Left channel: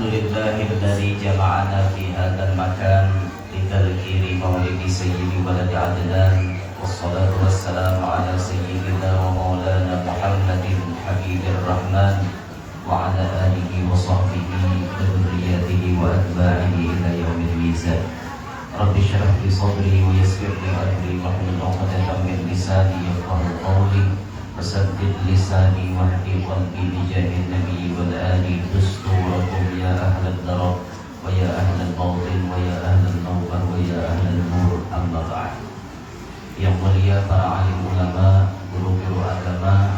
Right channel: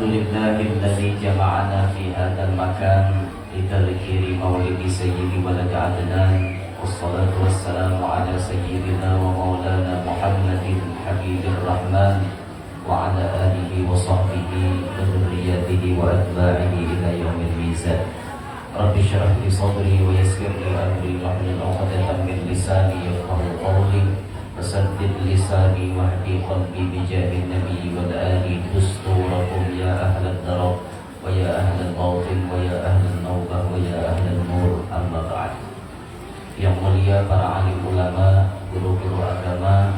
الحمد لله الذي جمعنا في هذا المكان لتذكير مولد سيد ولد عدنان، والصلاة والسلام على سيدنا ومولانا محمد حبيب الرحمن وعلى آله وصحبه وذريته وأتباعه إلى يوم الميزان. رب اشرح لي صدري ويسر لي أمري واحلل عقدة من لساني يفقهوا قولي وسدد لساني واهدي قلبي بجاه النبي والآل دستوركم يا أهل الدرب ويا أهل الباطن ويا أهل النوبة ويا أهل النور. أما بعد. Yang mulia para alim ulama, guru-guru agama,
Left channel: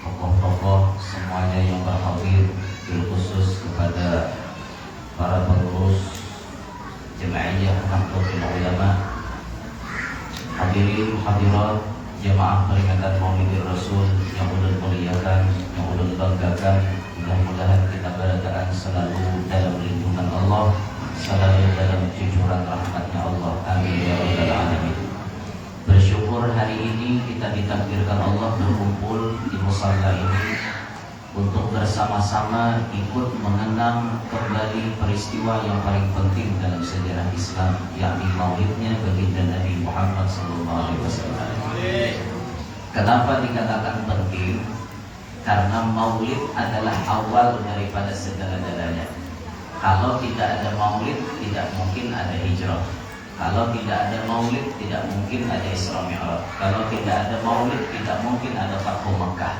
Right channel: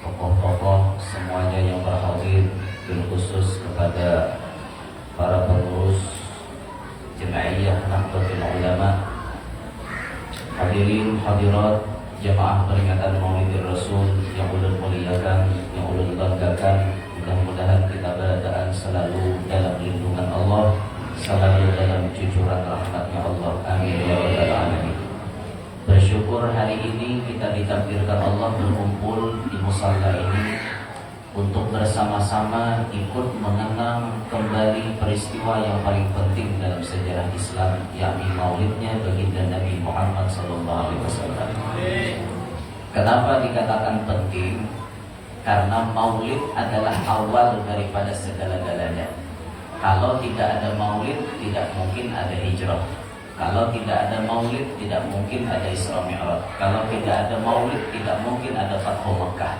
tokoh-tokoh semuanya yang berhadir, khusus kepada para pengurus Jemaiyah Nahdlatul Ulama, hadirin hadirat jamaah peringatan Maulid Rasul yang ulun muliakan, yang ulun banggakan. Mudah-mudahan kita berada selalu dalam lindungan Allah, selalu dalam cucuran rahmatnya Allah. Amin ya rabbal alamin. Bersyukur hari ini kita ditakdirkan Allah berkumpul di musalla ini untuk bersama-sama ikut mengenang kembali peristiwa yang paling penting dalam sejarah Islam, yakni maulidnya baginda Nabi Muhammad SAW. Kenapa dikatakan penting? Karena maulid adalah awal daripada segala-galanya. Kalau tidak ada maulid, tidak mungkin ada hijrah. Kalau tidak ada maulid, tidak mungkin ada Isra Mi'raj. Kalau tidak ada maulid, tidak mungkin ada Fathu Makkah.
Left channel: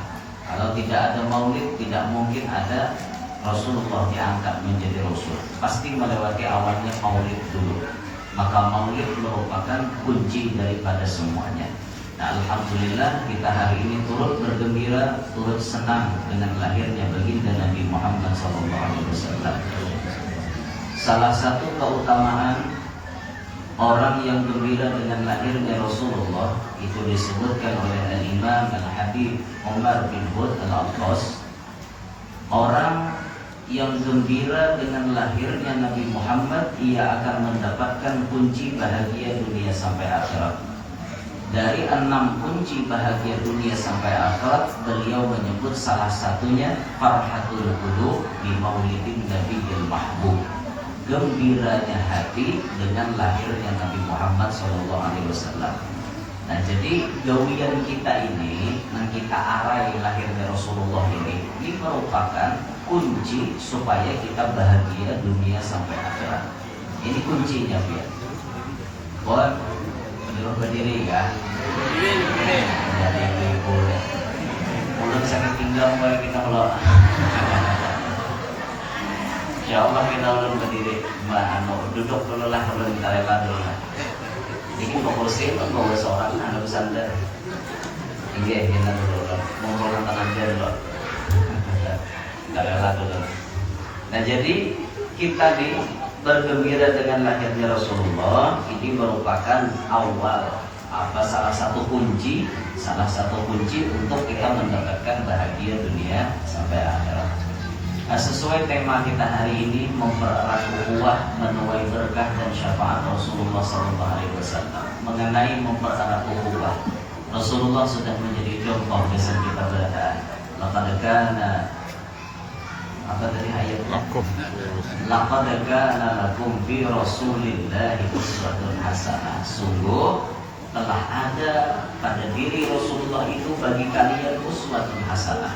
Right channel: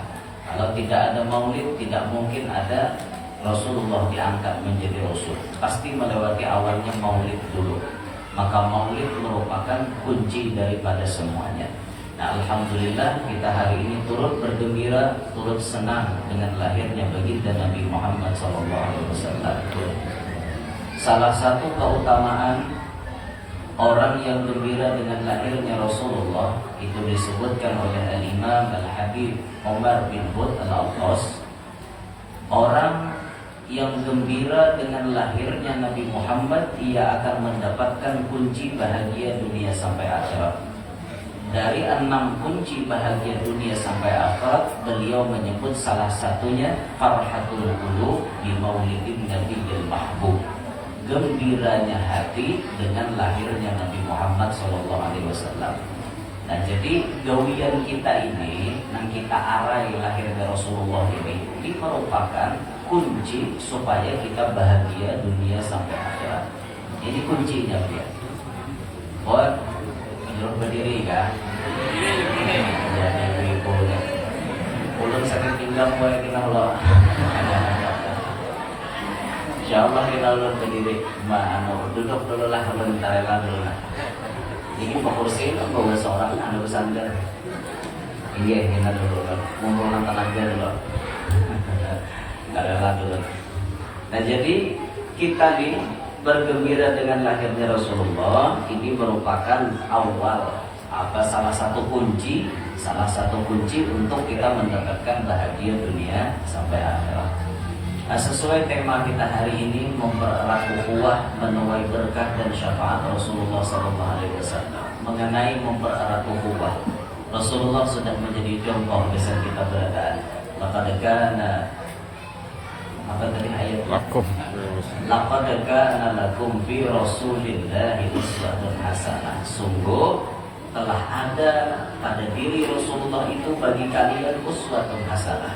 Kalau tidak ada maulid, tidak mungkin ada Rasulullah diangkat menjadi Rasul. Pasti melewati awalnya maulid dulu. Maka maulid merupakan kunci daripada semuanya. Nah, alhamdulillah kita hari ini turut bergembira, turut senang dengan lahirnya baginda Nabi Muhammad SAW. Salah satu keutamaan orang yang gembira dengan lahirnya Rasulullah itu disebutkan oleh Al-Imam Al-Habib Umar bin Hud Al-Attas. Orang yang gembira dengan lahirnya Nabi Muhammad, ia akan mendapatkan kunci bahagia dunia sampai akhirat. Dari 6 kunci bahagia dunia sampai akhirat, beliau menyebut salah satunya farhatul qulub bi maulidin nabiyil mahbub. Gembiranya hati dengan lahirnya Nabi Muhammad SAW. Nah, jadi gawian kita ini, yang kita arai lahirnya Rasulullah ini merupakan kunci supaya kita bahagia dunia sampai akhirat. Ini kuncinya, biar. Buat menurut berdiri kan? Jadi itu boleh. Ulun sangat tinggal boleh kita kalau. Insyaallah kita ulun berdiri, duduk dulu lah, ulun tarelah dulu lah. Ini ke kursi itu bawa seorang anu bersandar. Iya, kita dulu lah, mengulang tenaga dulu. Tarelah dulu. Nah, jadi kita nih bergembira dengan lahirnya Rasulullah ini merupakan awal salah satu kunci untuk kita mendapatkan bahagia dunia sampai akhirat. Nah, sesuai tema kita hari ini, mempererat ukhuwah, menuai berkah dan syafaat Rasulullah SAW. Mengenai mempererat ukhuwah, Rasulullah sudah menjadi contoh kesan kita berada. Laqad kana, apa tadi ayatnya? Laqad kana lakum fi Rasulillahi uswatun hasanah. Sungguh telah ada pada diri Rasulullah itu bagi kalian uswatun hasanah,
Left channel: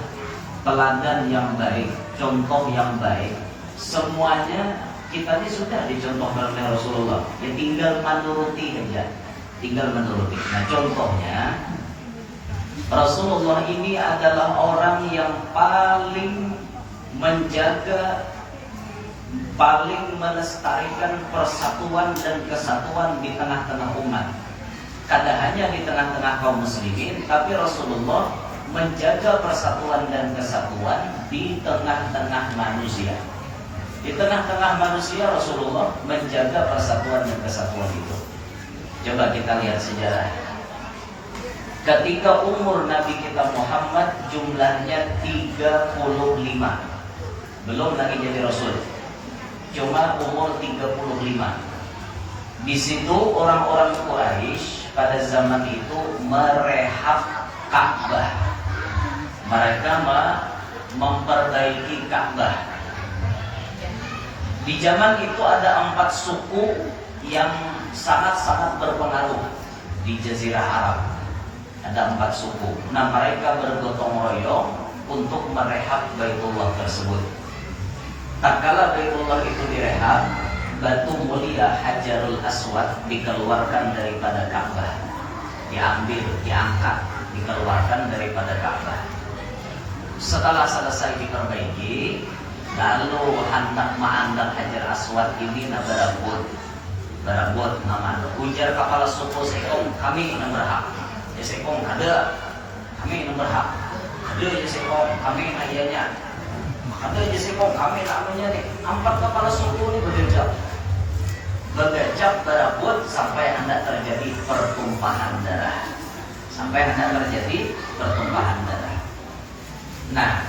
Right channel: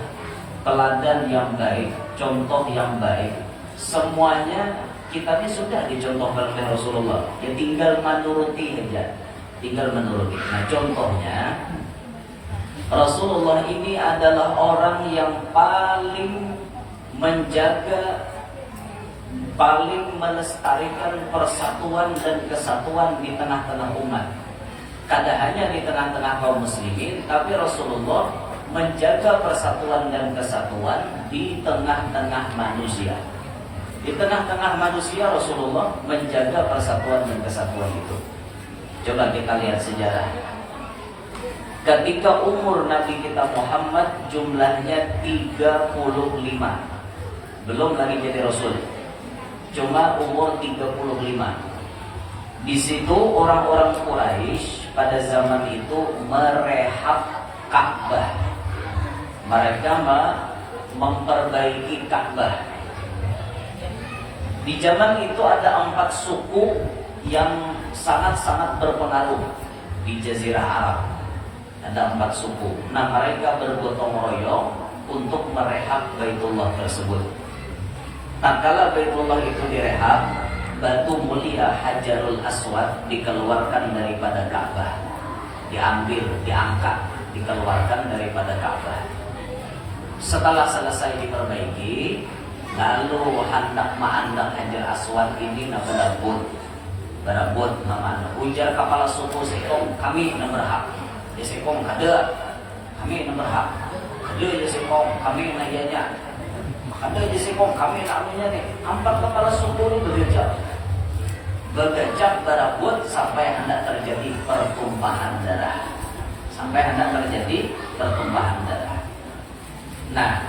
teladan yang baik, contoh yang baik. Semuanya kita ini sudah dicontohkan oleh Rasulullah, ya tinggal menuruti aja, tinggal menuruti. Nah, contohnya Rasulullah ini adalah orang yang paling menjaga, paling melestarikan persatuan dan kesatuan di tengah-tengah umat. Kada hanya di tengah-tengah kaum muslimin, tapi Rasulullah menjaga persatuan dan kesatuan di tengah-tengah manusia. Di tengah-tengah manusia Rasulullah menjaga persatuan dan kesatuan itu. Coba kita lihat sejarah. Ketika umur Nabi kita Muhammad jumlahnya 35, belum lagi jadi Rasul, cuma umur 35. Di situ orang-orang Quraisy pada zaman itu merehab Ka'bah. Mereka memperbaiki Ka'bah. Di zaman itu ada 4 suku yang sangat-sangat berpengaruh di Jazirah Arab. Ada 4 suku. Nah, mereka bergotong royong untuk merehab Baitullah tersebut. Tak kala Baitullah itu direhab, batu mulia Hajarul Aswad dikeluarkan daripada Ka'bah. Diambil, diangkat, dikeluarkan daripada Ka'bah. Setelah selesai diperbaiki, lalu hendak mengandang Hajar Aswad ini berabot nama ujar kepala suku Sekong, kami yang berhak. Ya Sekong ada, kami yang berhak. Ada ya Sekong, kami nanya. Ada ya Sekong, kami namanya nih. 4 kepala suku ini bergejap berabot sampai hendak terjadi pertumpahan darah. Nah,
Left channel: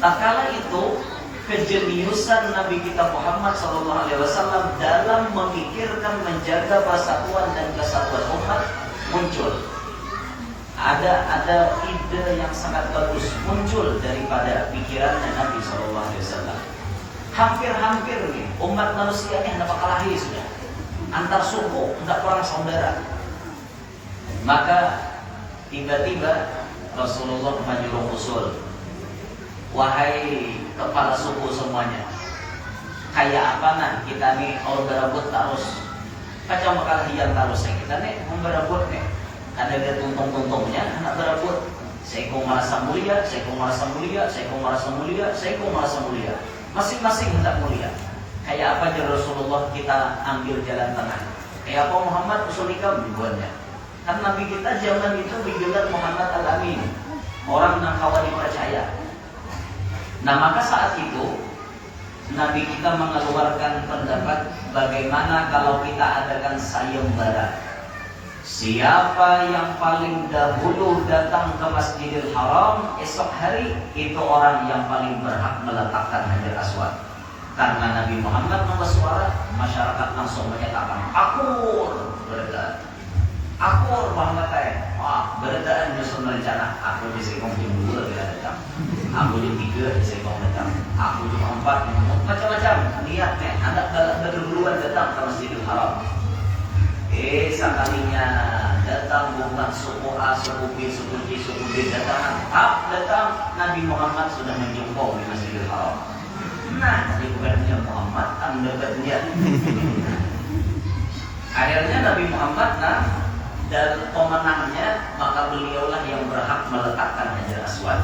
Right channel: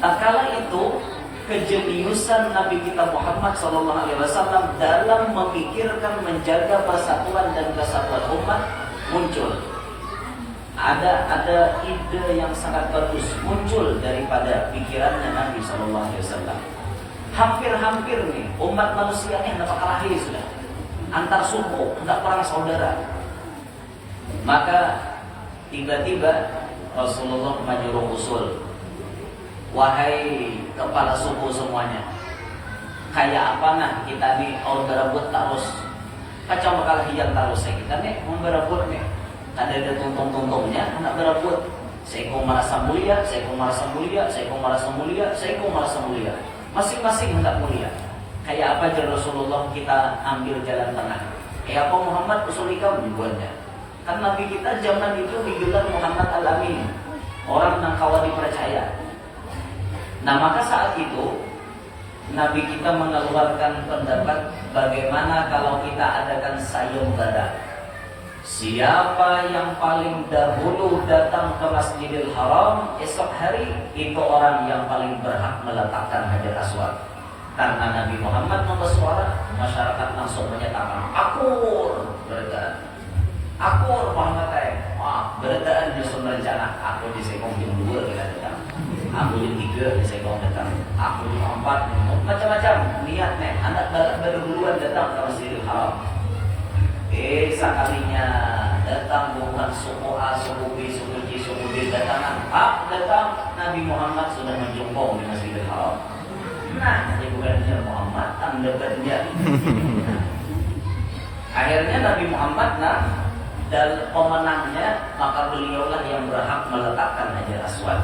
tak kala itu kejeniusan Nabi kita Muhammad SAW dalam memikirkan menjaga persatuan dan kesatuan umat muncul. Ada ide yang sangat bagus muncul daripada pikirannya Nabi SAW. Hampir-hampir nih umat manusia ini hendak kelahi sudah. Antar suku, hendak perang saudara. Maka tiba-tiba Rasulullah menyuruh usul, wahai kepala suku semuanya, kayak apa nah kita nih kalau berebut terus pacau bakal hiang terus ya kita nih berebut nih, ada tuntung-tuntungnya anak berebut, seiko merasa mulia, masing-masing hendak mulia. Kayak apa aja Rasulullah kita ambil jalan tengah. Kayak apa Muhammad usulikam dibuatnya. Kan Nabi kita zaman itu digelar Muhammad Al-Amin, orang yang kawan dipercaya. Nah maka saat itu Nabi kita mengeluarkan pendapat bagaimana kalau kita adakan sayembara. Siapa yang paling dahulu datang ke Masjidil Haram esok hari, itu orang yang paling berhak meletakkan Hajar Aswad. Karena Nabi Muhammad bersuara, masyarakat langsung menyatakan akur, beredar. Akur Muhammad beredar nyusun rencana. Aku di sekong jam 2 kira datang. Aku jam 3 di sekong datang. Aku jam 4 macam-macam. Lihat nih, anak berduluan datang ke Masjidil Haram. Sekalinya datang bukan suku A, suku B, suku C, suku D datang. Datang Nabi Muhammad sudah menjungkong di Masjidil Haram. Nah, jadi bukannya Muhammad, anda berjanji. Akhirnya Nabi Muhammad dan pemenangnya, maka beliaulah yang berhak meletakkan Hajar Aswad.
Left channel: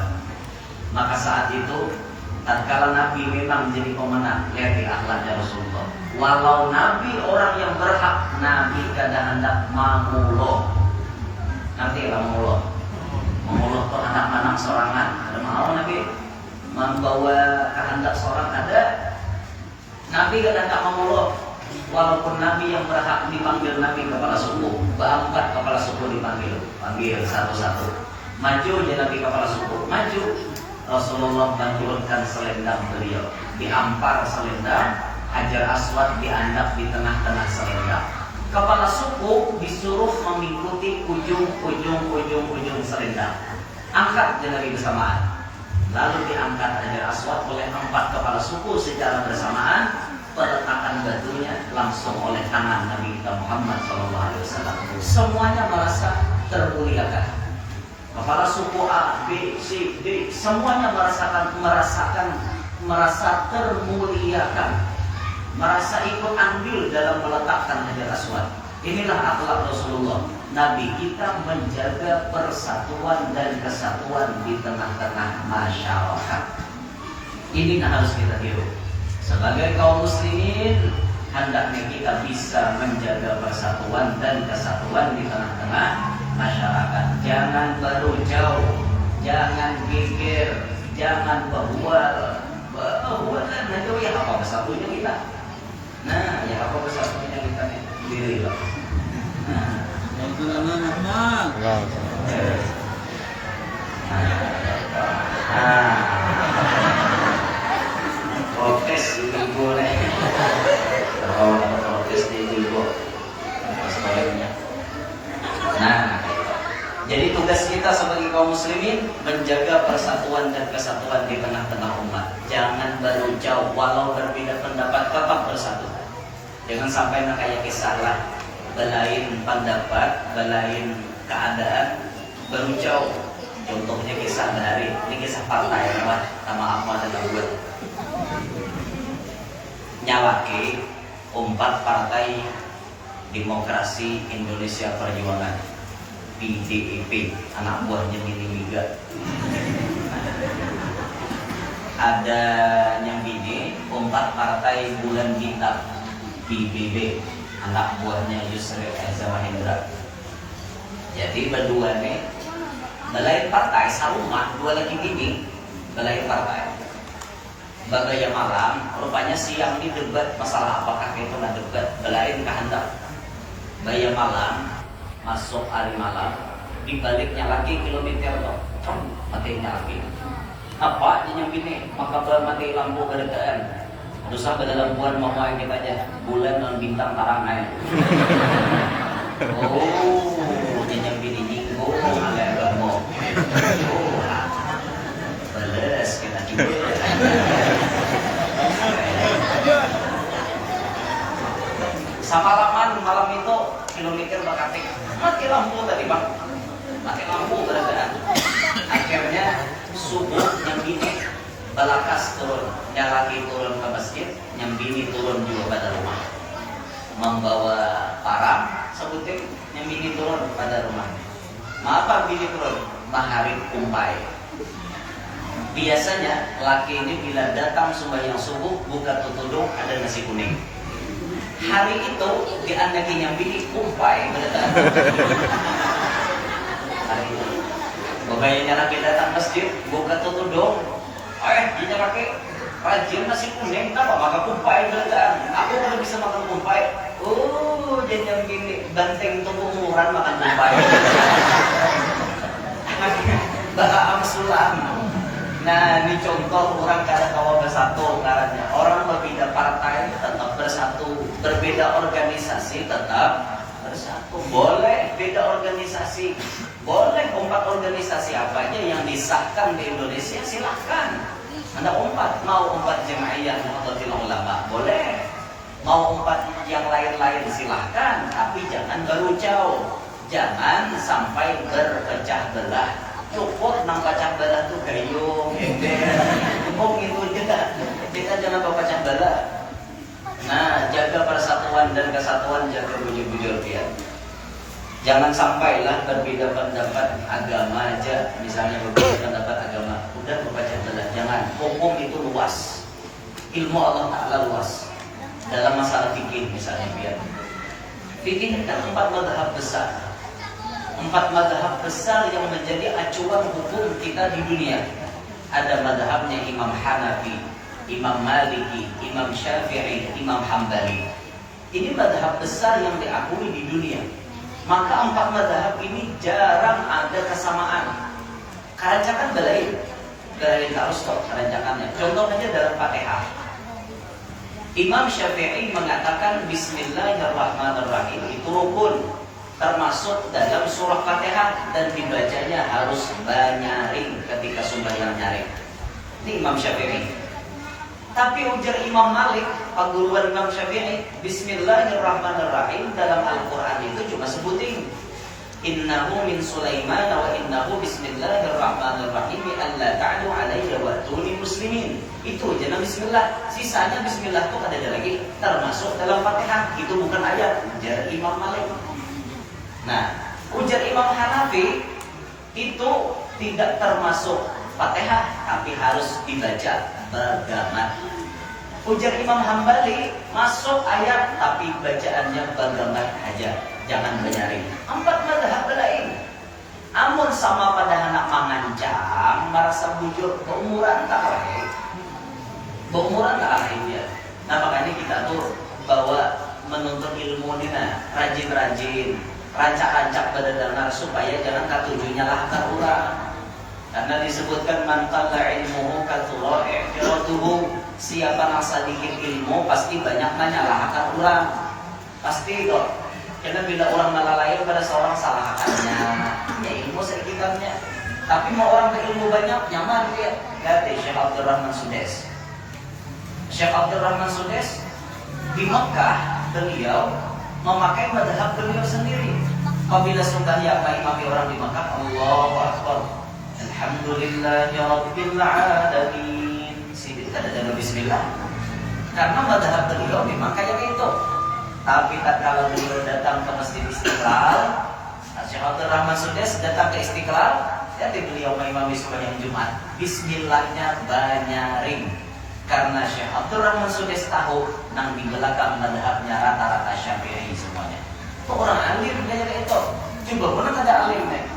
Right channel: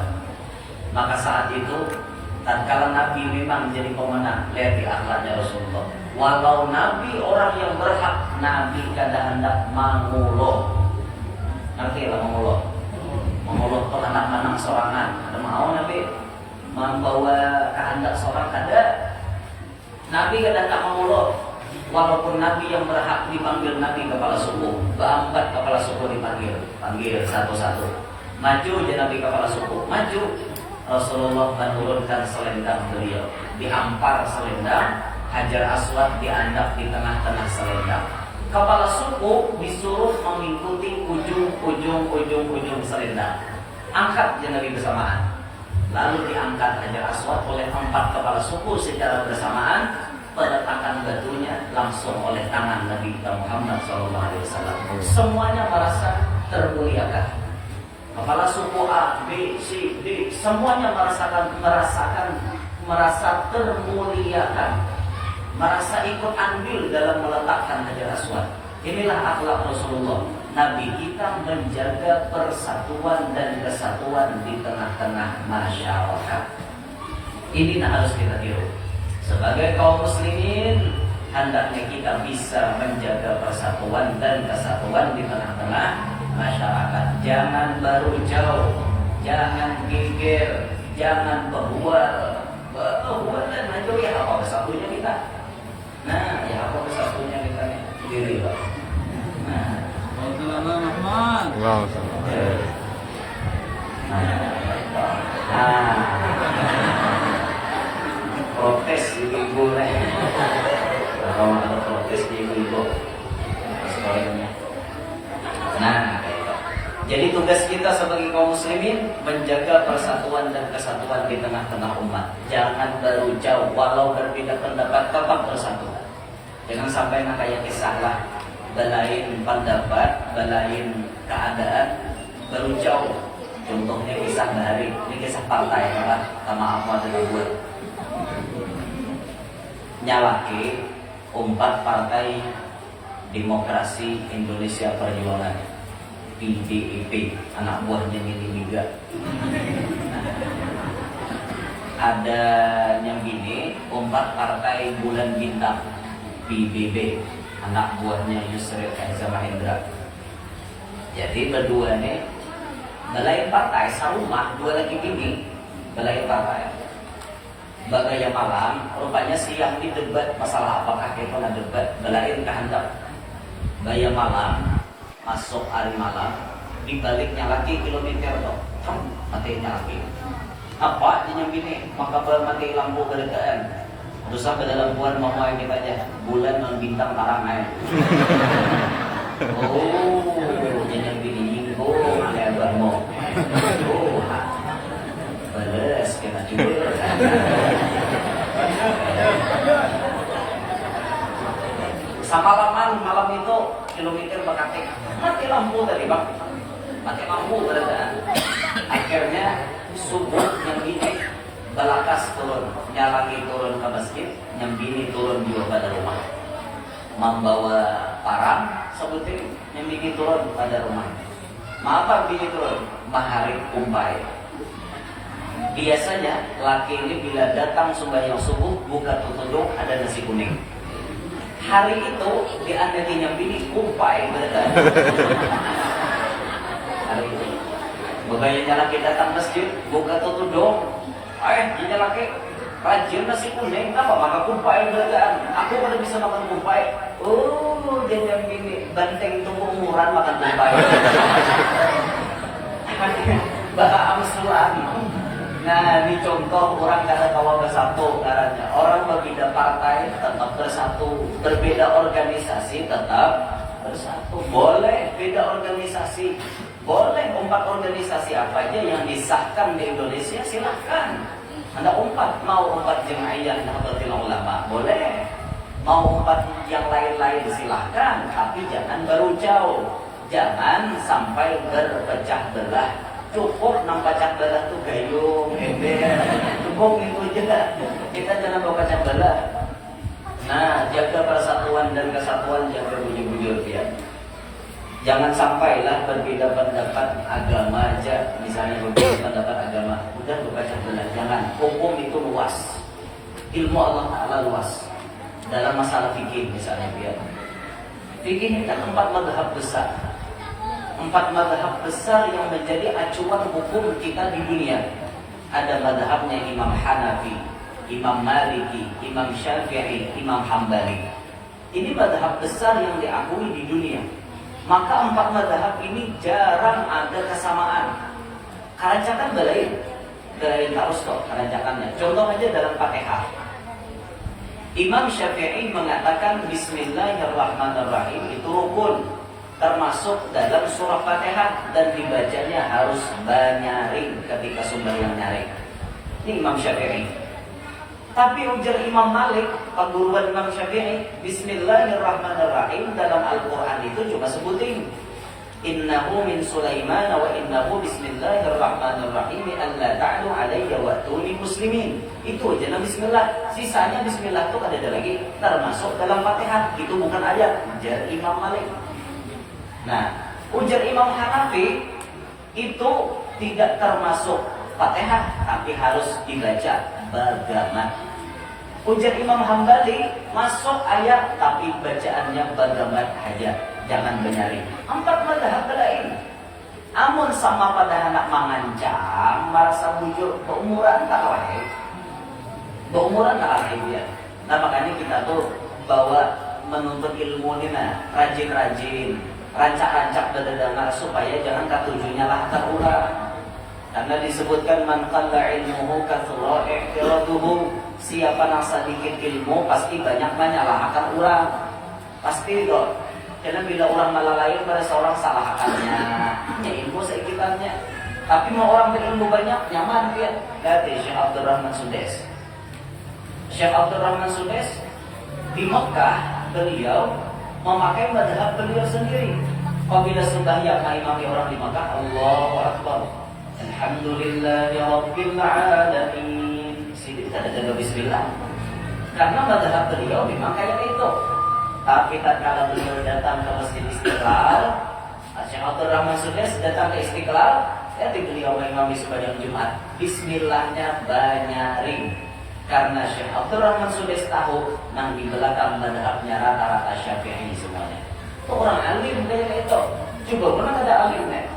Maka saat itu, tatkala Nabi memang menjadi pemenang, lihat di akhlaknya Rasulullah. Walau Nabi orang yang berhak, Nabi kadang hendak mengulo. Nanti lah mengulo. Mengulo itu anak-anak sorangan. Ada mau Nabi membawa kehendak seorang ada. Nabi kadang tak mengulo. Walaupun Nabi yang berhak dipanggil Nabi kepala suku, 4 kepala suku panggil satu-satu. Maju je Nabi kepala suku, maju. Rasulullah menurunkan selendang beliau, diampar selendang, Hajar Aswad diandap di tengah-tengah selendang. Kepala suku disuruh mengikuti ujung selendang. Angkat je Nabi bersamaan. Lalu diangkat Hajar Aswad oleh 4 kepala suku secara bersamaan. Peletakan batunya langsung oleh tangan Nabi Muhammad SAW. Semuanya merasa termuliakan. Kepala suku A, B, C, D, semuanya merasa termuliakan, merasa ikut andil dalam meletakkan Hajar Aswad. Inilah akhlak Rasulullah. Nabi kita menjaga persatuan dan kesatuan di tengah-tengah masyarakat. Ini harus kita tiru. Sebagai kaum muslimin, hendaknya kita bisa menjaga persatuan dan kesatuan di tengah-tengah masyarakat. Jangan baru jauh, jangan geger, jangan berbual dan menjauh. Ya apa kesatunya kita? Nah, ya apa kesatunya kita nih? Dirilah. Protes ibu-ibu nih. Kalau ada protes ibu-ibu sebaliknya. Nah, jadi tugas kita sebagai kaum muslimin, menjaga persatuan dan kesatuan di tengah-tengah umat. Jangan baru jauh walau berbeda pendapat, tetap bersatu. Jangan sampai kayak kisah lah, belain pendapat, belain keadaan, baru jauh. Contohnya kisah dari ini kisah partai apa sama aku adalah buat nyalaki umpat Partai Demokrasi Indonesia Perjuangan PDIP, anak buahnya Nini Liga. Ada yang bini umpat Partai Bulan Bintang PBB, anak buahnya Yusril Eza Mahendra. Jadi berdua nih balai partai sarumah, dua lagi bini balai partai. Bagaya malam, rupanya siang di debat masalah apakah kita nak debat belain kehendak. Baya malam, masuk hari malam, dibaliknya lagi kilometer dong, matinya lagi. Apa yang gini? Maka mati lampu kedekaan. Dosa pada lampuan mamai kita aja, bulan dan bintang tarangan. Oh, yang bini nyinggo, alian bermo. Oh, balas kita juga. Sapalaman malam itu kilometer bakatik mati lampu tadi bang, mati lampu beradaan. Akhirnya subuh yang bini balakas turun, nyalaki turun ke masjid, yang bini turun juga pada rumah, membawa parang sebutin yang bini turun pada rumah. Maaf bini turun maharib kumpai. Biasanya laki ini bila datang sembahyang subuh buka tutudung ada nasi kuning. Hari itu diandakin yang bini kumpai beneran. Hari itu bagainya laki datang masjid buka tutudung, dia laki rajin nasi kuning, apa maka kumpai beneran. Aku kalau bisa makan kumpai. Oh, dan yang bini banteng tunggu umuran makan kumpai. Baha amsulan. Nah, ini contoh orang kada kawa bersatu karena orang berbeda partai tetap bersatu, berbeda organisasi tetap bersatu. Boleh beda organisasi, boleh umpat organisasi apa aja yang disahkan di Indonesia silahkan. Anda umpat, mau umpat jemaah atau ulama boleh, mau umpat yang lain-lain silahkan, tapi jangan baru jauh, jangan sampai berpecah belah. Cukup nang pecah belah tuh gayung, ember, cukup itu juga. Kita jangan berpecah belah. Nah, jaga persatuan dan kesatuan, jaga bujur-bujur ya. Jangan sampailah berbeda pendapat agama aja, misalnya berbeda pendapat agama, udah berpecah belah. Jangan. Hukum itu luas, ilmu Allah Taala luas. Dalam masalah fikih misalnya biar. Fikih ini kan 4 mazhab besar. 4 mazhab besar yang menjadi acuan hukum kita di dunia. Ada mazhabnya Imam Hanafi, Imam Maliki, Imam Syafi'i, Imam Hambali. Ini mazhab besar yang diakui di dunia. Maka 4 mazhab ini jarang ada kesamaan. Kerancakan belain harus toh kerancakannya. Contoh aja dalam Fatihah. Imam Syafi'i mengatakan Bismillahirrahmanirrahim itu rukun, termasuk dalam surah Fatihah dan dibacanya harus banyaring ketika sembahyang nyaring. Ini Imam Syafi'i. Tapi ujar Imam Malik, paguruan Imam Syafi'i, Bismillahirrahmanirrahim dalam Al-Quran itu cuma sebutin Innahu min Sulaiman wa innahu bismillahirrahmanirrahim alla ta'lu alayya wa tuni muslimin. Itu aja nama bismillah. Sisanya bismillah itu ada lagi, termasuk dalam Fatihah. Itu bukan ayat, ujar Imam Malik. Nah, ujar Imam Hanafi itu tidak termasuk Fatihah, tapi harus dibaca bagamat. Ujar Imam Hambali masuk ayat, tapi bacaannya bagamat aja, jangan benyaring. 4 mazhab lain. Amun sama pada anak mangancang, merasa bujur keumuran tak lain. Keumuran tak lain ya. Nah makanya kita tuh bawa menuntut ilmu ini rajin-rajin. Rancak-rancak pada dengar supaya jangan katujunya lahkan orang. Karena disebutkan man qalla ilmuhu katsura i'tiratuhu. Siapa yang sedikit ilmu pasti banyak menyalahkan orang. Pasti itu. Karena bila orang malah lain pada seorang salahkannya, ya ilmu sekitarnya. Tapi mau orang berilmu banyak, nyaman dia. Kata Syekh Abdurrahman Sudes. Syekh Abdurrahman Sudes di Mekah beliau memakai madhab beliau sendiri. Apabila sembahyang mengimami orang di Mekah, Allahu Akbar, Alhamdulillahi Rabbil Alamin. Tidak ada bismillah. Karena madhab beliau memang kayak itu. Tapi tak kalau beliau datang ke Masjid Istiqlal, Syekh Abdurrahman Sudes datang ke Istiqlal, ya di beliau mengimami sembahyang Jumat, bismillahnya banyarin. Karena Syekh Abdurrahman Sudes tahu nang di belakang madhabnya rata-rata Syafi'i semuanya. Orang alim kayak itu. Coba mana ada alimnya?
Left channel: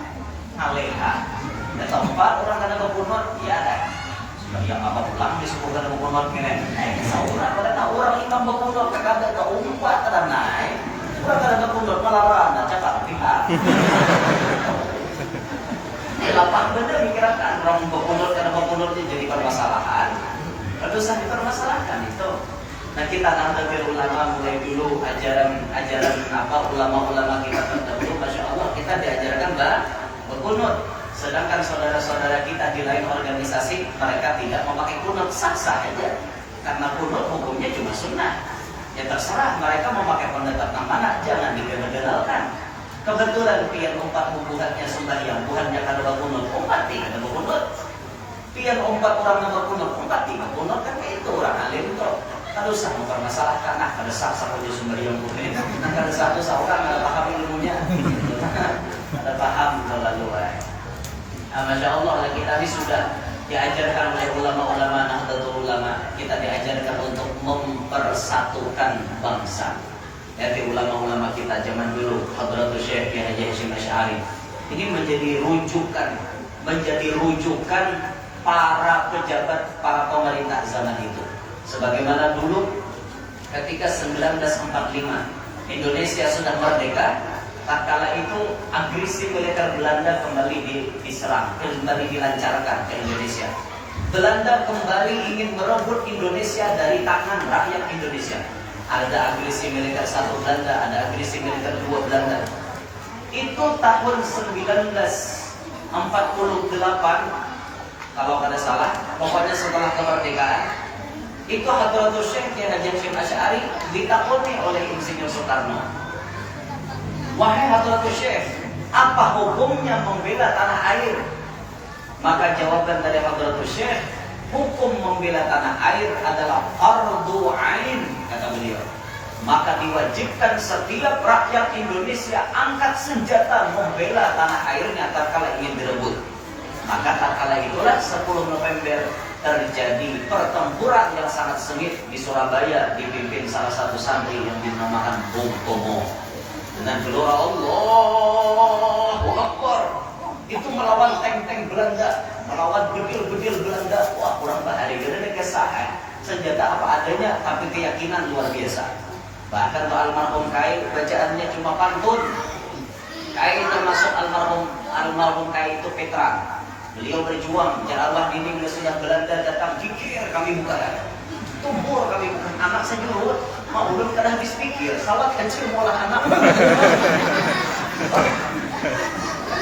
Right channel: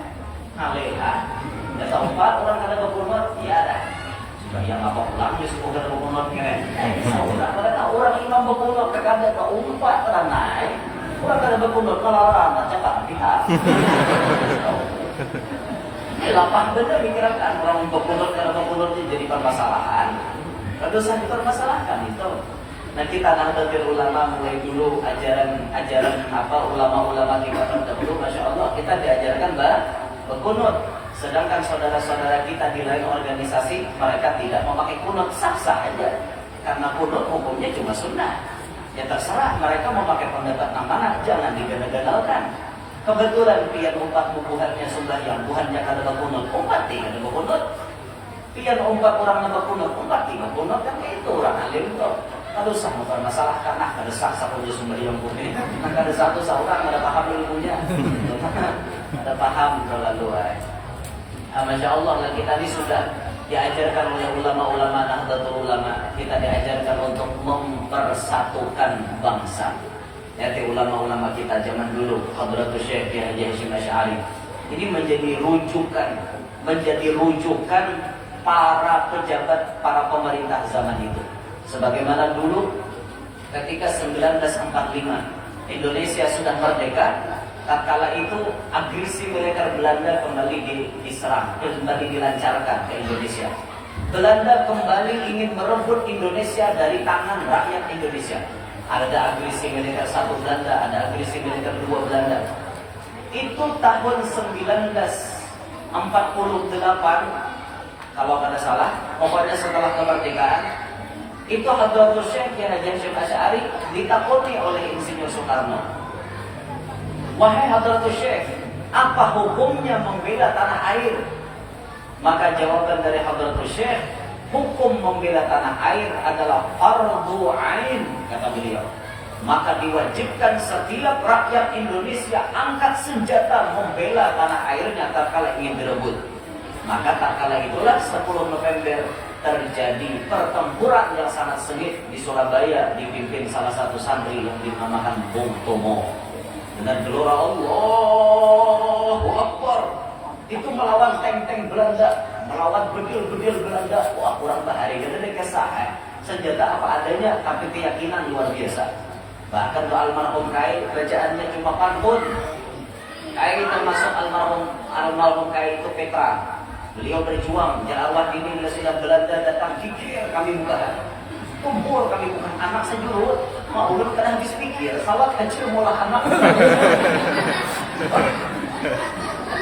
Ngaleha. Ada tempat orang kada kepunut, ya ada. Sembahyang apa pulang di suku kada kepunut ngene. Saudara kada tahu orang imam bekunut kagak ada umpat kada naik. Orang kada bekunut malah anda cakap pihak. Lapang bener mikirkan orang bekunut kada bekunutnya jadi permasalahan. Lalu usah dipermasalahkan itu. Nah kita Nahdlatul Ulama mulai dulu ajaran apa ulama-ulama kita terdahulu, masya Allah kita diajarkan berkunut. Sedangkan saudara-saudara kita di lain organisasi mereka tidak memakai kunut, sah-sah aja. Karena kunut hukumnya cuma sunnah. Ya terserah mereka memakai pendapat yang mana, jangan digenal-genalkan. Kebetulan pian umpat bubuhannya sembahyang, buhannya kada berkunut, umpat tidak ada berkunut. Pian umpat orang yang berkunut, umpat tidak berkunut, kan itu orang alim itu. Kada usah mempermasalahkan, kada sah-sah punya sembahyang buhan. Kada satu seorang ada paham ilmunya, ada paham terlalu. Masya Allah lah kita ini sudah diajarkan oleh ulama-ulama Nahdlatul Ulama. Kita diajarkan untuk mempersatukan bangsa. Lihat ulama-ulama kita zaman dulu, Hadratul Syekh Haji Hasyim Asy'ari. Ini menjadi rujukan para pejabat, para pemerintah zaman itu. Sebagaimana dulu ketika 1945 Indonesia sudah merdeka, tatkala itu agresi militer Belanda kembali diserang, kembali dilancarkan ke Indonesia. Belanda kembali ingin merebut Indonesia dari tangan rakyat Indonesia. Ada agresi militer satu Belanda, ada agresi militer dua Belanda. Itu tahun 1948, kalau kada salah, pokoknya setelah kemerdekaan, itu Hadratul Syekh Haji Hasyim Asy'ari ditakoni oleh Insinyur Soekarno. Wahai Hadratul Syekh, apa hukumnya membela tanah air? Maka jawaban dari Hadratul Syekh, hukum membela tanah air adalah fardu ain, kata beliau. Maka diwajibkan setiap rakyat Indonesia angkat senjata membela tanah airnya tatkala ingin direbut. Maka tatkala itulah 10 November terjadi pertempuran yang sangat sengit di Surabaya dipimpin salah satu santri yang dinamakan Bung Tomo. Dengan gelora Allahu Akbar, itu melawan tank-tank Belanda, melawan bedil-bedil Belanda. Wah, kurang bahari, karena dia kesah, senjata apa adanya, tapi keyakinan luar biasa. Bahkan tuh almarhum Kai, bacaannya cuma pantun. Kai termasuk almarhum Kai itu Petra. Beliau berjuang, arwah dini bila sudah Belanda datang, pikir kami bukan, tumbur kami bukan, anak sejurut, mau belum kada habis pikir, sawat kecil molah anak.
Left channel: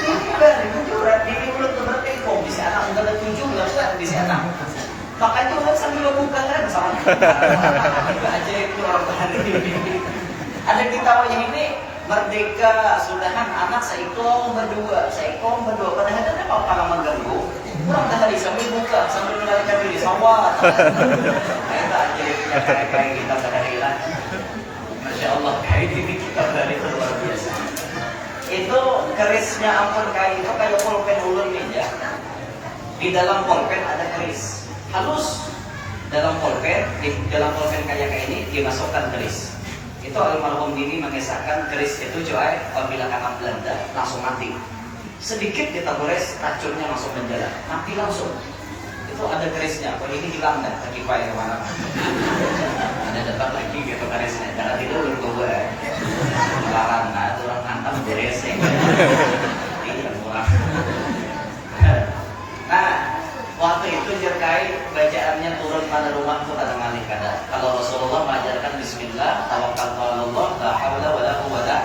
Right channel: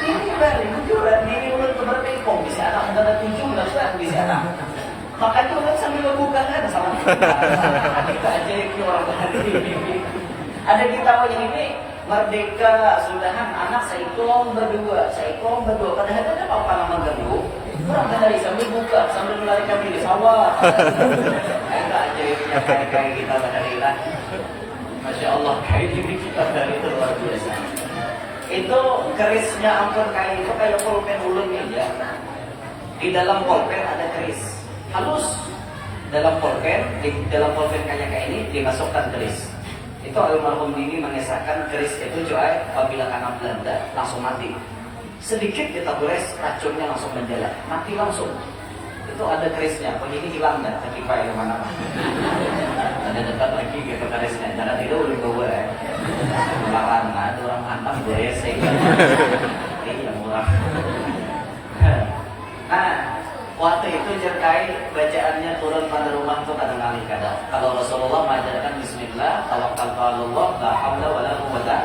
Ini bari menjurat diri mulut keberpekong, bisa anak muda ada 7, enggak bisa anak. Makanya kan sambil buka kan sama kita ajaibnya orang bahari ini. Ada di tawanya ini merdeka sudahan anak seikong berdua. Padahal ada apa yang mengganggu? Orang bahari sambil buka sambil melarikan diri sawah. Itu ajaibnya kayak kita bahari lah. Masya Allah, kayak ini kita bahari itu luar biasa. Itu kerisnya ampun kayak itu kayak pulpen ulun aja. Di dalam pulpen ada keris halus. Di dalam pulpen kayak ini dimasukkan keris. Itu almarhum Dini mengisahkan keris itu coy apabila kena Belanda langsung mati. Sedikit kita gores racunnya langsung menjalar, mati langsung. Itu ada kerisnya, kok ini hilang dah, terkipai kemana? Ada dekat lagi gitu kerisnya, jangan tidur gue. Melarang, nah itu orang hantam beresek. Ini yang murah. Nah, waktu itu jerkai bacaannya turun pada rumah tuh kata Malik kada. Kalau Rasulullah mengajarkan Bismillah, tawakkaltu 'alallah, la haula wala quwwata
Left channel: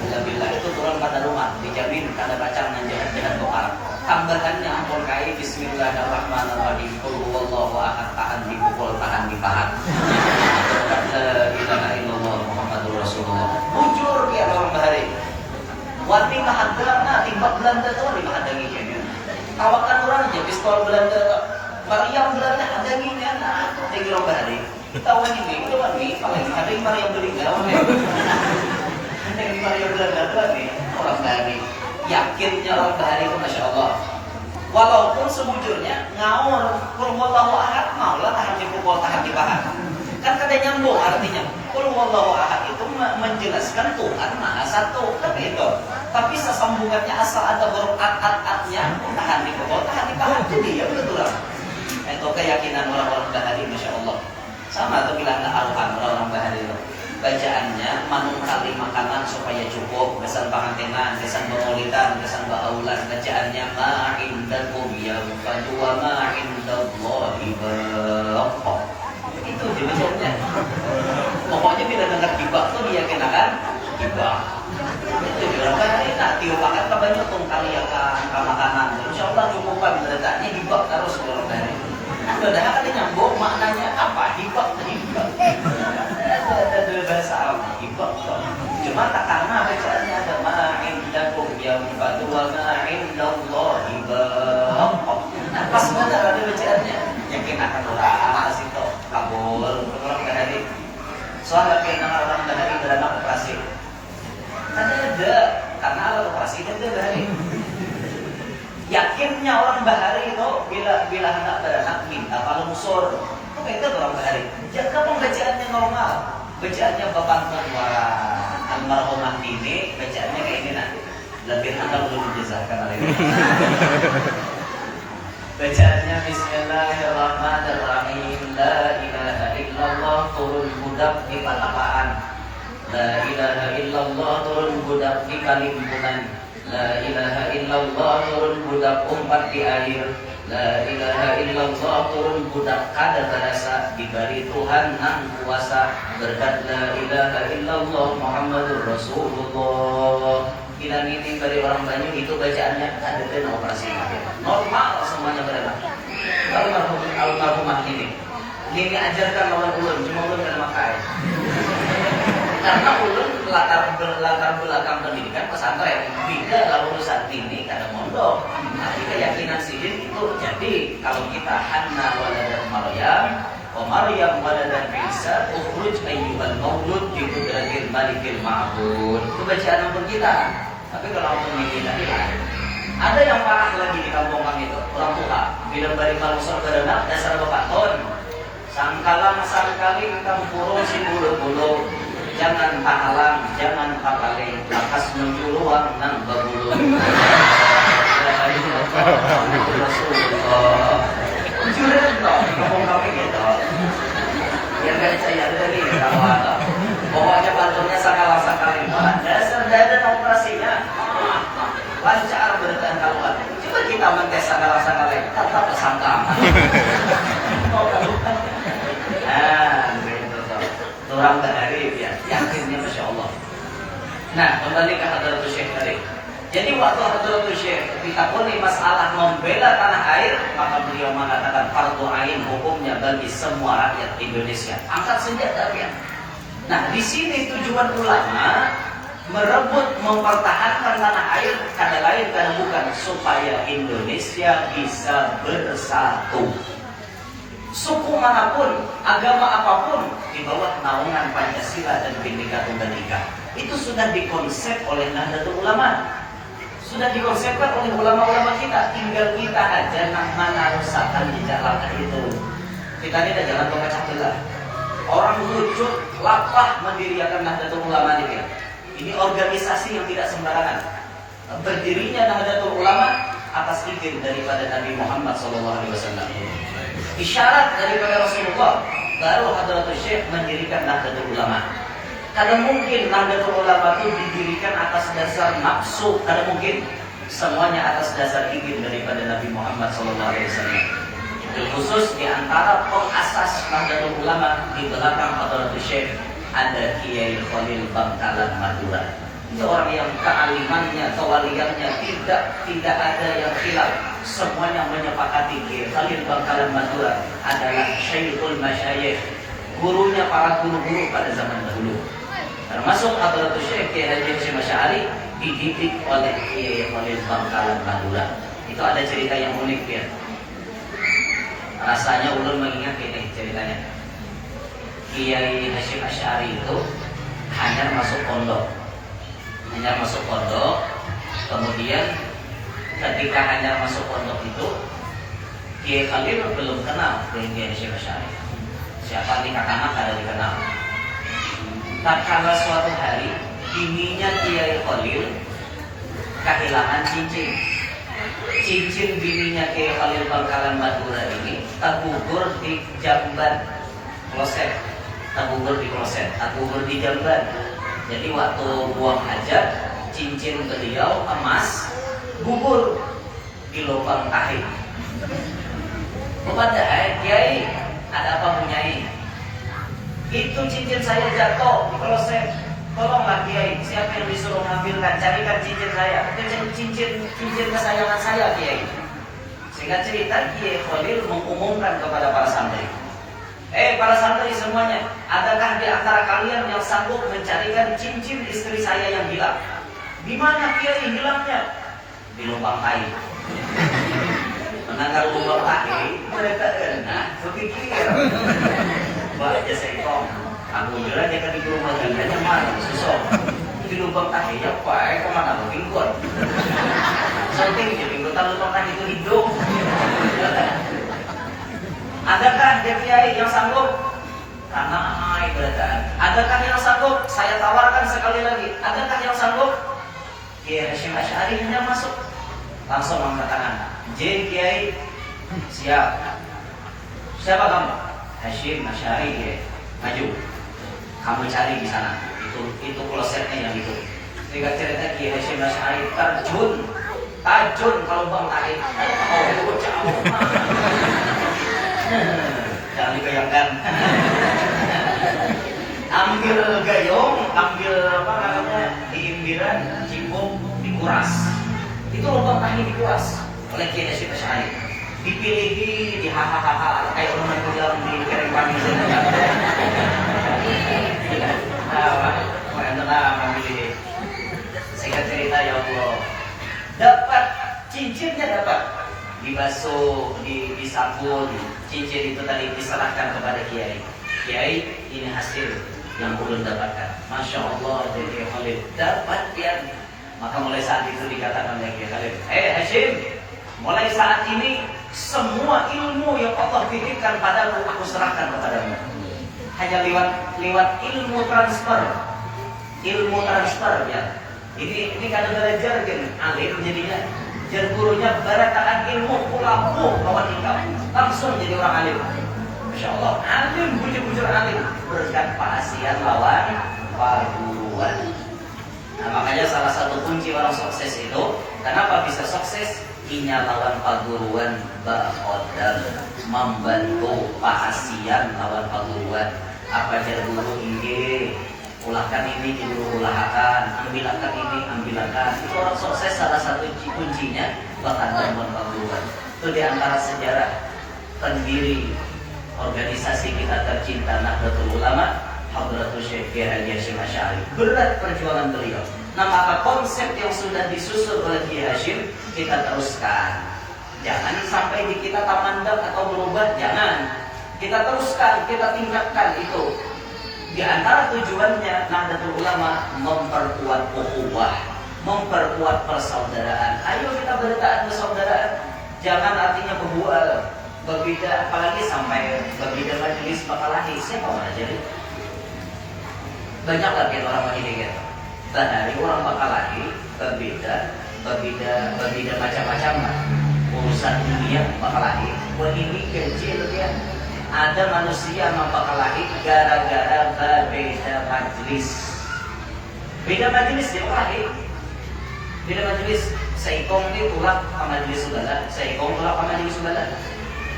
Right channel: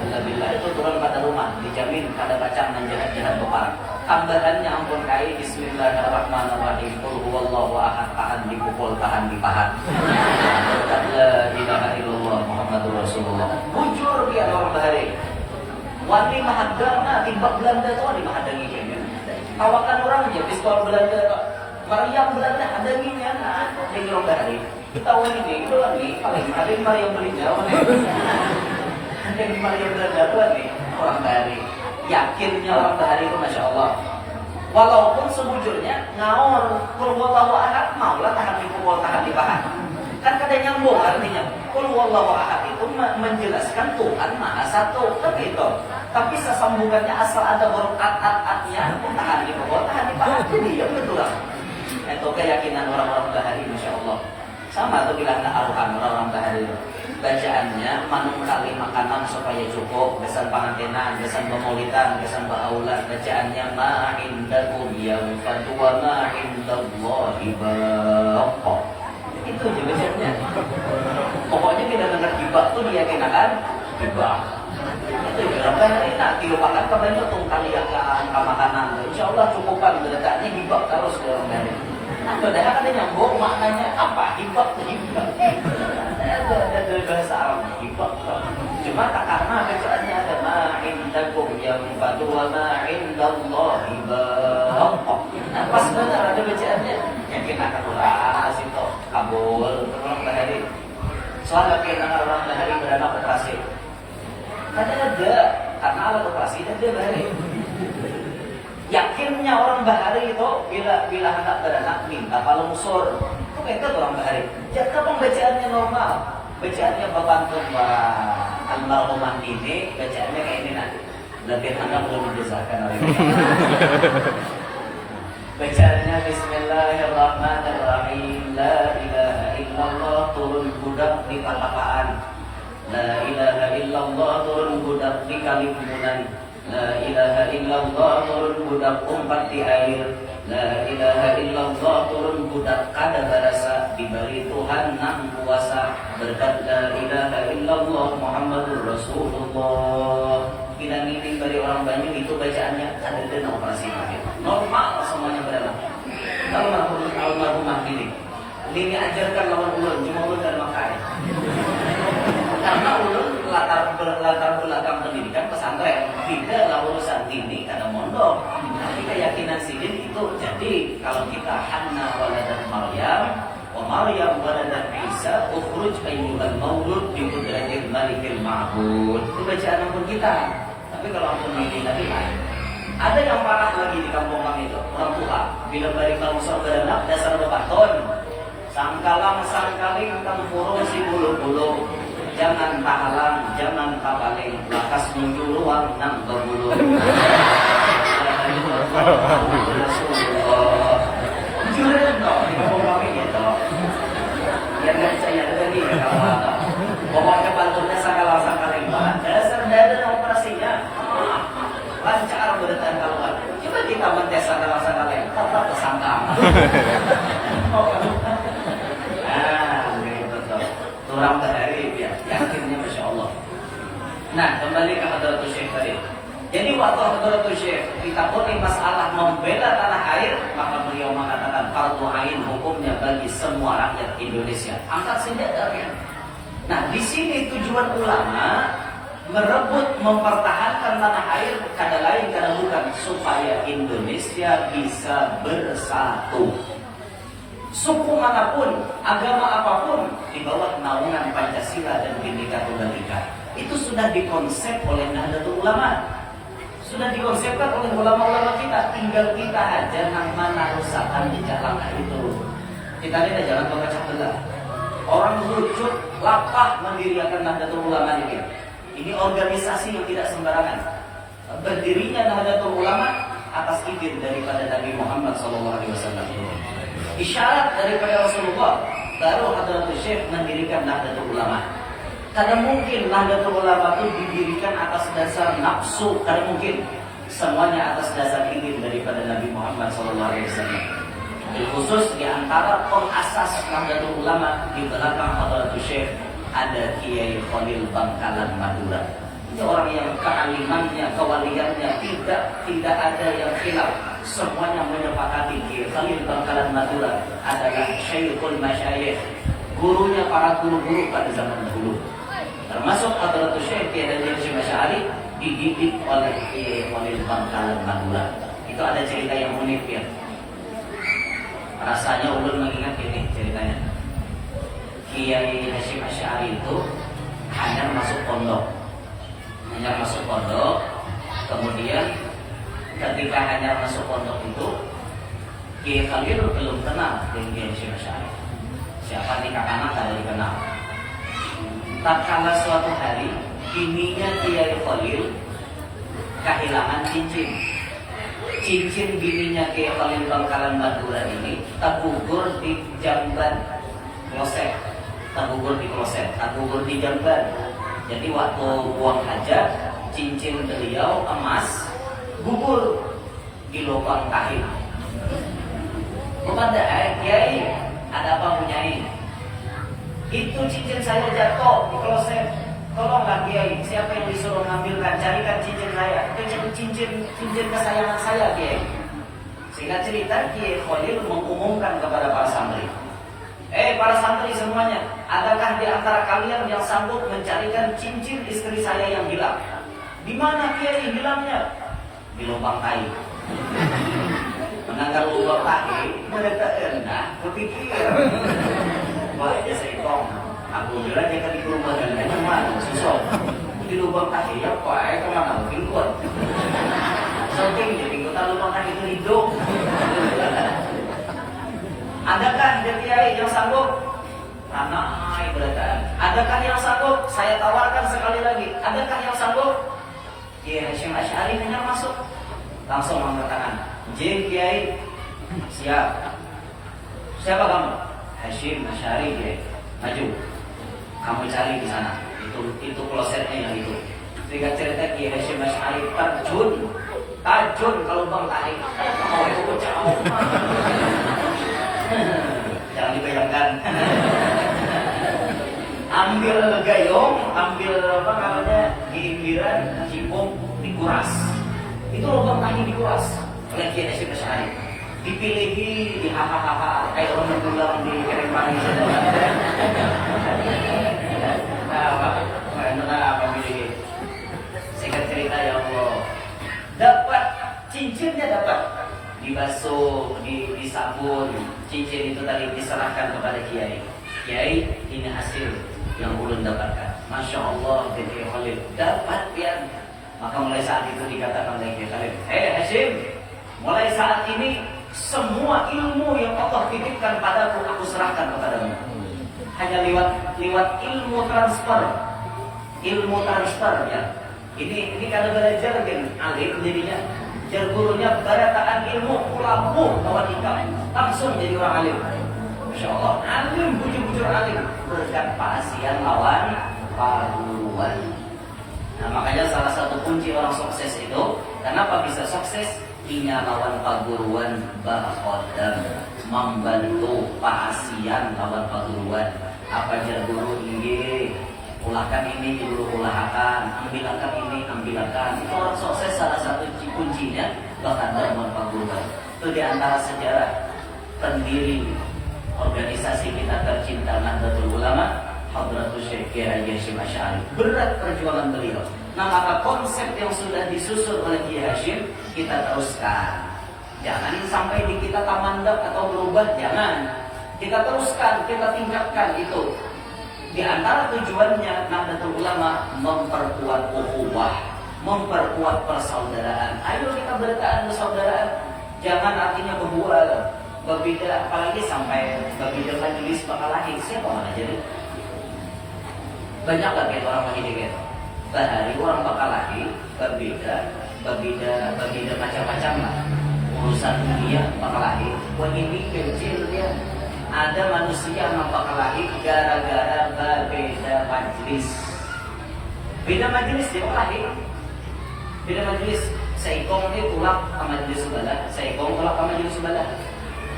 illa billah, itu turun pada rumah, dijamin kada baca nan jahat-jahat bopar. tambahannya ampun kai bismillahirrahmanirrahim qul huwallahu ahad tahan dipukul tahan dipahat. La ilaha illallah Muhammadur Rasulullah. Bujur dia orang bahari. Wani mahadana timbak Belanda tu wani mahadangi kene. Tawakan orang aja pistol Belanda tu. Mariam Belanda hadanginya nah tinggi orang bahari. Tahu ini wani paling ada yang Mariam Belanda wani. Yang Mariam Belanda tu wani orang bahari. Yakinnya orang bahari itu Masya Allah. Walaupun sebujurnya ngaur qul huwallahu ahad maulah tahan dipukul tahan dipahat. Kan kada nyambung artinya. Qul huwallahu ahad itu menjelaskan Tuhan Maha Satu, kan gitu. Tapi sesambungannya asal ada huruf at-at-atnya tahan dipukul tahan dipahat jadi ya betul lah. Itu keyakinan orang-orang bahari Masya Allah. Sama tuh bilang aruhan orang-orang bahari itu. Bacaannya manung kali makanan supaya cukup, kesan pangantenan, kesan pemolitan, kesan baulan. Bacaannya ma'indakum yanfadu wa ma'indallahi baqa. Itu aja bacaannya. Pokoknya bila dengar gibah tuh dia kenakan gibah. Itu aja orang bahari nak tiupakan kabanyo tung kaliakan kamakanan. Insyaallah cukupan letaknya gibah terus orang bahari. Anda dah ada nyambung maknanya apa? Hibah. Ada bahasa Arab hibah. Cuma tak karena bacaannya ada ma'indakum yanfadu wa ma'indallahi baqa. Nah, pas benar ada bacaannya. Yakin akan orang asito kabul orang bahari. Soal yakin orang bahari beranak operasi. Ada karena alat operasi dan dia bahari. Yakinnya orang bahari itu bila hendak beranak minta palungsur. Itu kita orang bahari. Jika pembacaannya normal, bacaannya bapantun para almarhumah ini, bacaannya kayak ini nanti. Lebih hendak belum dijazakan hari ini. Bacaannya Bismillahirrahmanirrahim. La ilaha illallah turun budak di patapaan. La ilaha illallah turun budak di kalimbunan. La ilaha illallah turun budak umpat di air. La ilaha illallah turun budak kada barasa diberi Tuhan nang kuasa berkat la ilaha illallah Muhammadur Rasulullah. Bila ini dari orang banyak itu bacaannya ada dan operasi normal semuanya beranak. Kalau almarhumah ini ajarkan lawan ulun cuma ulun dan makai. Karena ulun latar belakang pendidikan pesantren tidak lah urusan ini karena mondok. Tapi keyakinan sidin itu jadi kalau kita anna waladat Maryam wa Maryam waladat Isa ukhruj ayyuhal maulud bi qudratil malikil ma'bud. Itu bacaan ampun kita. Tapi kalau ampun ini tadi ada yang parah lagi di kampung kami itu orang tua bila bari kalungsor beranak dasar bepatun sangkalang sangkali kang kurung si bulu-bulu. Jangan pahalang, jangan papaling, lakas menjuluang nang berbulu. Rasulullah. Juren dong, kampung kami gitu. Yang gak saya lagi ya kawan. Pokoknya pantunnya sakala-sakali. Dasar dadan operasinya. Lancar bertahan kaluan. Coba kita mentes sakala-sakali. Tetap tersangka. Orang bahari ya, yakinnya Masya Allah. Nah, kembali ke Hadratus Syekh tadi. Jadi waktu Hadratus Syekh ditakoni masalah membela tanah air, maka beliau mengatakan fardu ain hukumnya bagi semua rakyat Indonesia. Angkat senjata ya. Nah, di sini tujuan ulama merebut mempertahankan tanah air kada lain kada bukan supaya Indonesia bisa bersatu. Suku manapun, agama apapun di bawah naungan Pancasila dan Bhinneka Tunggal Ika. Itu sudah dikonsep oleh Nahdlatul Ulama. Sudah dikonsepkan oleh ulama-ulama kita. Tinggal kita aja nang mana rusakan di jalan itu. Kita ini ada jalan pemecah belah. Orang wujud lapah mendirikan Nahdlatul Ulama ini. Ini organisasi yang tidak sembarangan. Berdirinya Nahdlatul Ulama atas izin daripada Nabi Muhammad SAW. Isyarat daripada Rasulullah, baru Hadratus Syekh mendirikan Nahdlatul Ulama. Karena mungkin Nahdlatul Ulama itu didirikan atas dasar nafsu, karena mungkin semuanya atas dasar izin daripada Nabi Muhammad SAW. Khusus di antara pengasas Nahdlatul Ulama di belakang Hadratus Syekh ada Kiai Khalil Bangkalan Madura. Ini orang yang kealimannya, kewaliannya tidak ada yang khilaf. Semuanya menyepakati Kiai Khalil Bangkalan Madura adalah Syekhul Masyayikh, gurunya para guru-guru pada zaman dahulu. Termasuk Hadratus Syekh Kiai Haji Hasyim Asy'ari dididik oleh Kiai Khalil Bangkalan Madura. Itu ada cerita yang unik ya. Rasanya ulun mengingat ini ceritanya. Kiai Hasyim Asy'ari itu hanya masuk pondok. Kemudian ketika hanya masuk pondok itu, Kiai Khalil belum kenal dengan Kiai Hasyim Asy'ari. Siapa nikah anak ada dikenal. Tak kala suatu hari, bininya Kiai Khalil kehilangan cincin. Cincin bininya Kiai Khalil Bangkalan Madura ini tergugur di jamban kloset, tergugur di jamban. Jadi waktu buang hajat, cincin beliau emas gugur di lubang tahi. Kepada Kiai, ada apa Nyai? Itu cincin saya jatuh di kloset. Tolonglah Kiai, siapa yang disuruh ngambilkan? Carikan cincin saya. Itu cincin kesayangan saya Kiai. Singkat cerita, Kiai Khalil mengumumkan kepada para santri. Para santri semuanya, adakah di antara kalian yang sanggup mencarikan cincin istri saya yang hilang? Di mana Kiai hilangnya? Di lubang tahi. Menanggar lubang tahi, mereka berpikir, wah ya sekong, aku bilang dia kan di rumah hanya mana susah. Di lubang tahi ya pak, kemana berpikir? Soting jadi pinggutan lubang tahi itu hidup. Adakah dia Kiai yang sanggup? Ramai berataan. Adakah yang sanggup? Saya tawarkan sekali lagi. Adakah yang sanggup? Kiai Hasyim Asy'ari hanya masuk, langsung angkat tangan. Kiai, siap. Siapa kamu? Hasyim Asy'ari Kiai. Maju. Kamu cari di sana. Itu klosetnya yang itu. Sehingga cerita Kiai Hasyim Asy'ari tajun kalau bang tarik. Oh itu bocah kamu. Jangan dibayangkan. Ambil gayung, ambil apa namanya diindiran, cipung, dikuras. Itu lubang tahi dikuras oleh Kiai Hasyim Asy'ari. Dipilihi, dihahaha kayak orang mendulang di piring panis. Mana memilih. Singkat cerita ya Allah, dapat cincinnya dapat. Dibasuh, disabun, cincin itu tadi diserahkan kepada Kiai. Kiai, ini hasil yang ulun dapatkan. Masya Allah, Kiai Khalil dapat pian. Maka mulai saat itu dikatakan oleh Kiai Khalil, Hasyim, mulai saat ini semua ilmu yang Allah titipkan padaku aku serahkan kepadamu. Hanya lewat ilmu transfer ya. Ini kalau belajar kan alim jadinya. Jar gurunya barataan ilmu pulampu bawa tingkap langsung jadi orang alim. Masya Allah, alim bujur-bujur alim berkat pasian lawan perguruan. Nah makanya salah satu kunci orang sukses itu, kenapa bisa sukses? Inya lawan perguruan ba'odam, membantu pasian lawan perguruan. Apa jar guru ini? Ulahkan ini, dulu ulahkan, ambilakan ini, ambilakan. Itu orang sukses salah satu kuncinya bahkan dalam perguruan. Itu diantara sejarah pendiri organisasi kita tercinta Nahdlatul Ulama, Hadratus Syekh Kiai Haji Hasyim Asy'ari. Berat perjuangan beliau. Nah maka konsep yang sudah disusun oleh Kiai Hasyim kita teruskan. Jangan sampai di kita tamandak atau berubah, jangan. Kita teruskan, kita tingkatkan itu. Di antara tujuannya Nahdlatul Ulama memperkuat ukhuwah, memperkuat persaudaraan. Ayo kita berdekatan persaudaraan. Jangan artinya berbual, berbeda, apalagi sampai berbeda majelis bakalahi. Siapa mana jadi? Banyak lagi orang majelis gitu. Dari orang bakalahi berbeda macam-macam lah. Urusan dunia bakalahi, buat ini kecil ya. Ada manusia mempakalahi gara-gara berbeda majelis. Beda majelis dia pakalahi. Beda majelis. Seikong ini tulak ke majelis sebelah, seikong tulak ke majelis sebelah.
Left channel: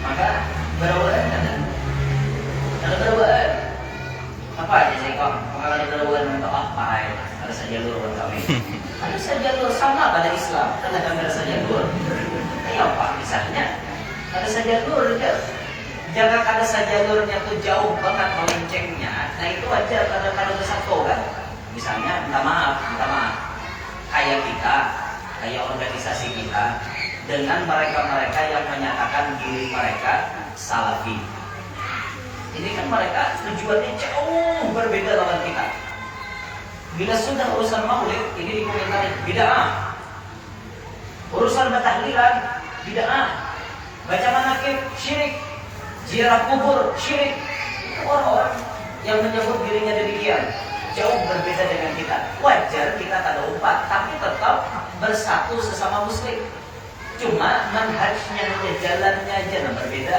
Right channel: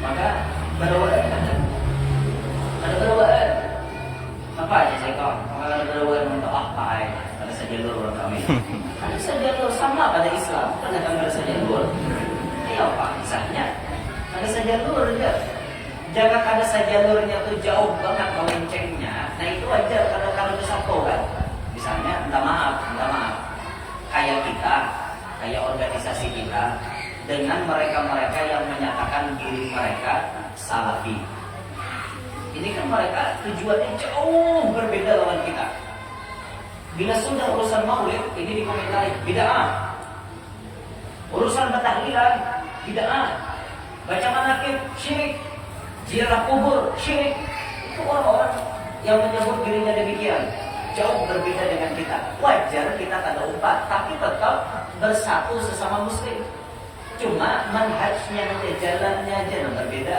Maka berawaan kan? Ada berawaan. Apa aja seikong? Kalau ada berawaan untuk apa? Ada saja luruan kami. sajalurnya. Jangan kada sajalurnya tuh jauh banget melencengnya. Nah itu aja kada bersatu kan. Misalnya, minta maaf, kayak kita, kayak organisasi kita, dengan mereka-mereka yang menyatakan diri mereka salafi. Ini kan mereka tujuannya jauh berbeda lawan kita. Bila sudah urusan maulid, ini dikomentari bid'ah. Urusan bertahlilan, bid'ah. Baca manaqib, syirik. Ziarah kubur, syirik. Itu orang-orang yang menyebut dirinya demikian. Jauh berbeda dengan kita. Wajar kita kada umpat, tapi tetap bersatu sesama muslim. Cuma manhajnya, jalannya aja yang berbeda.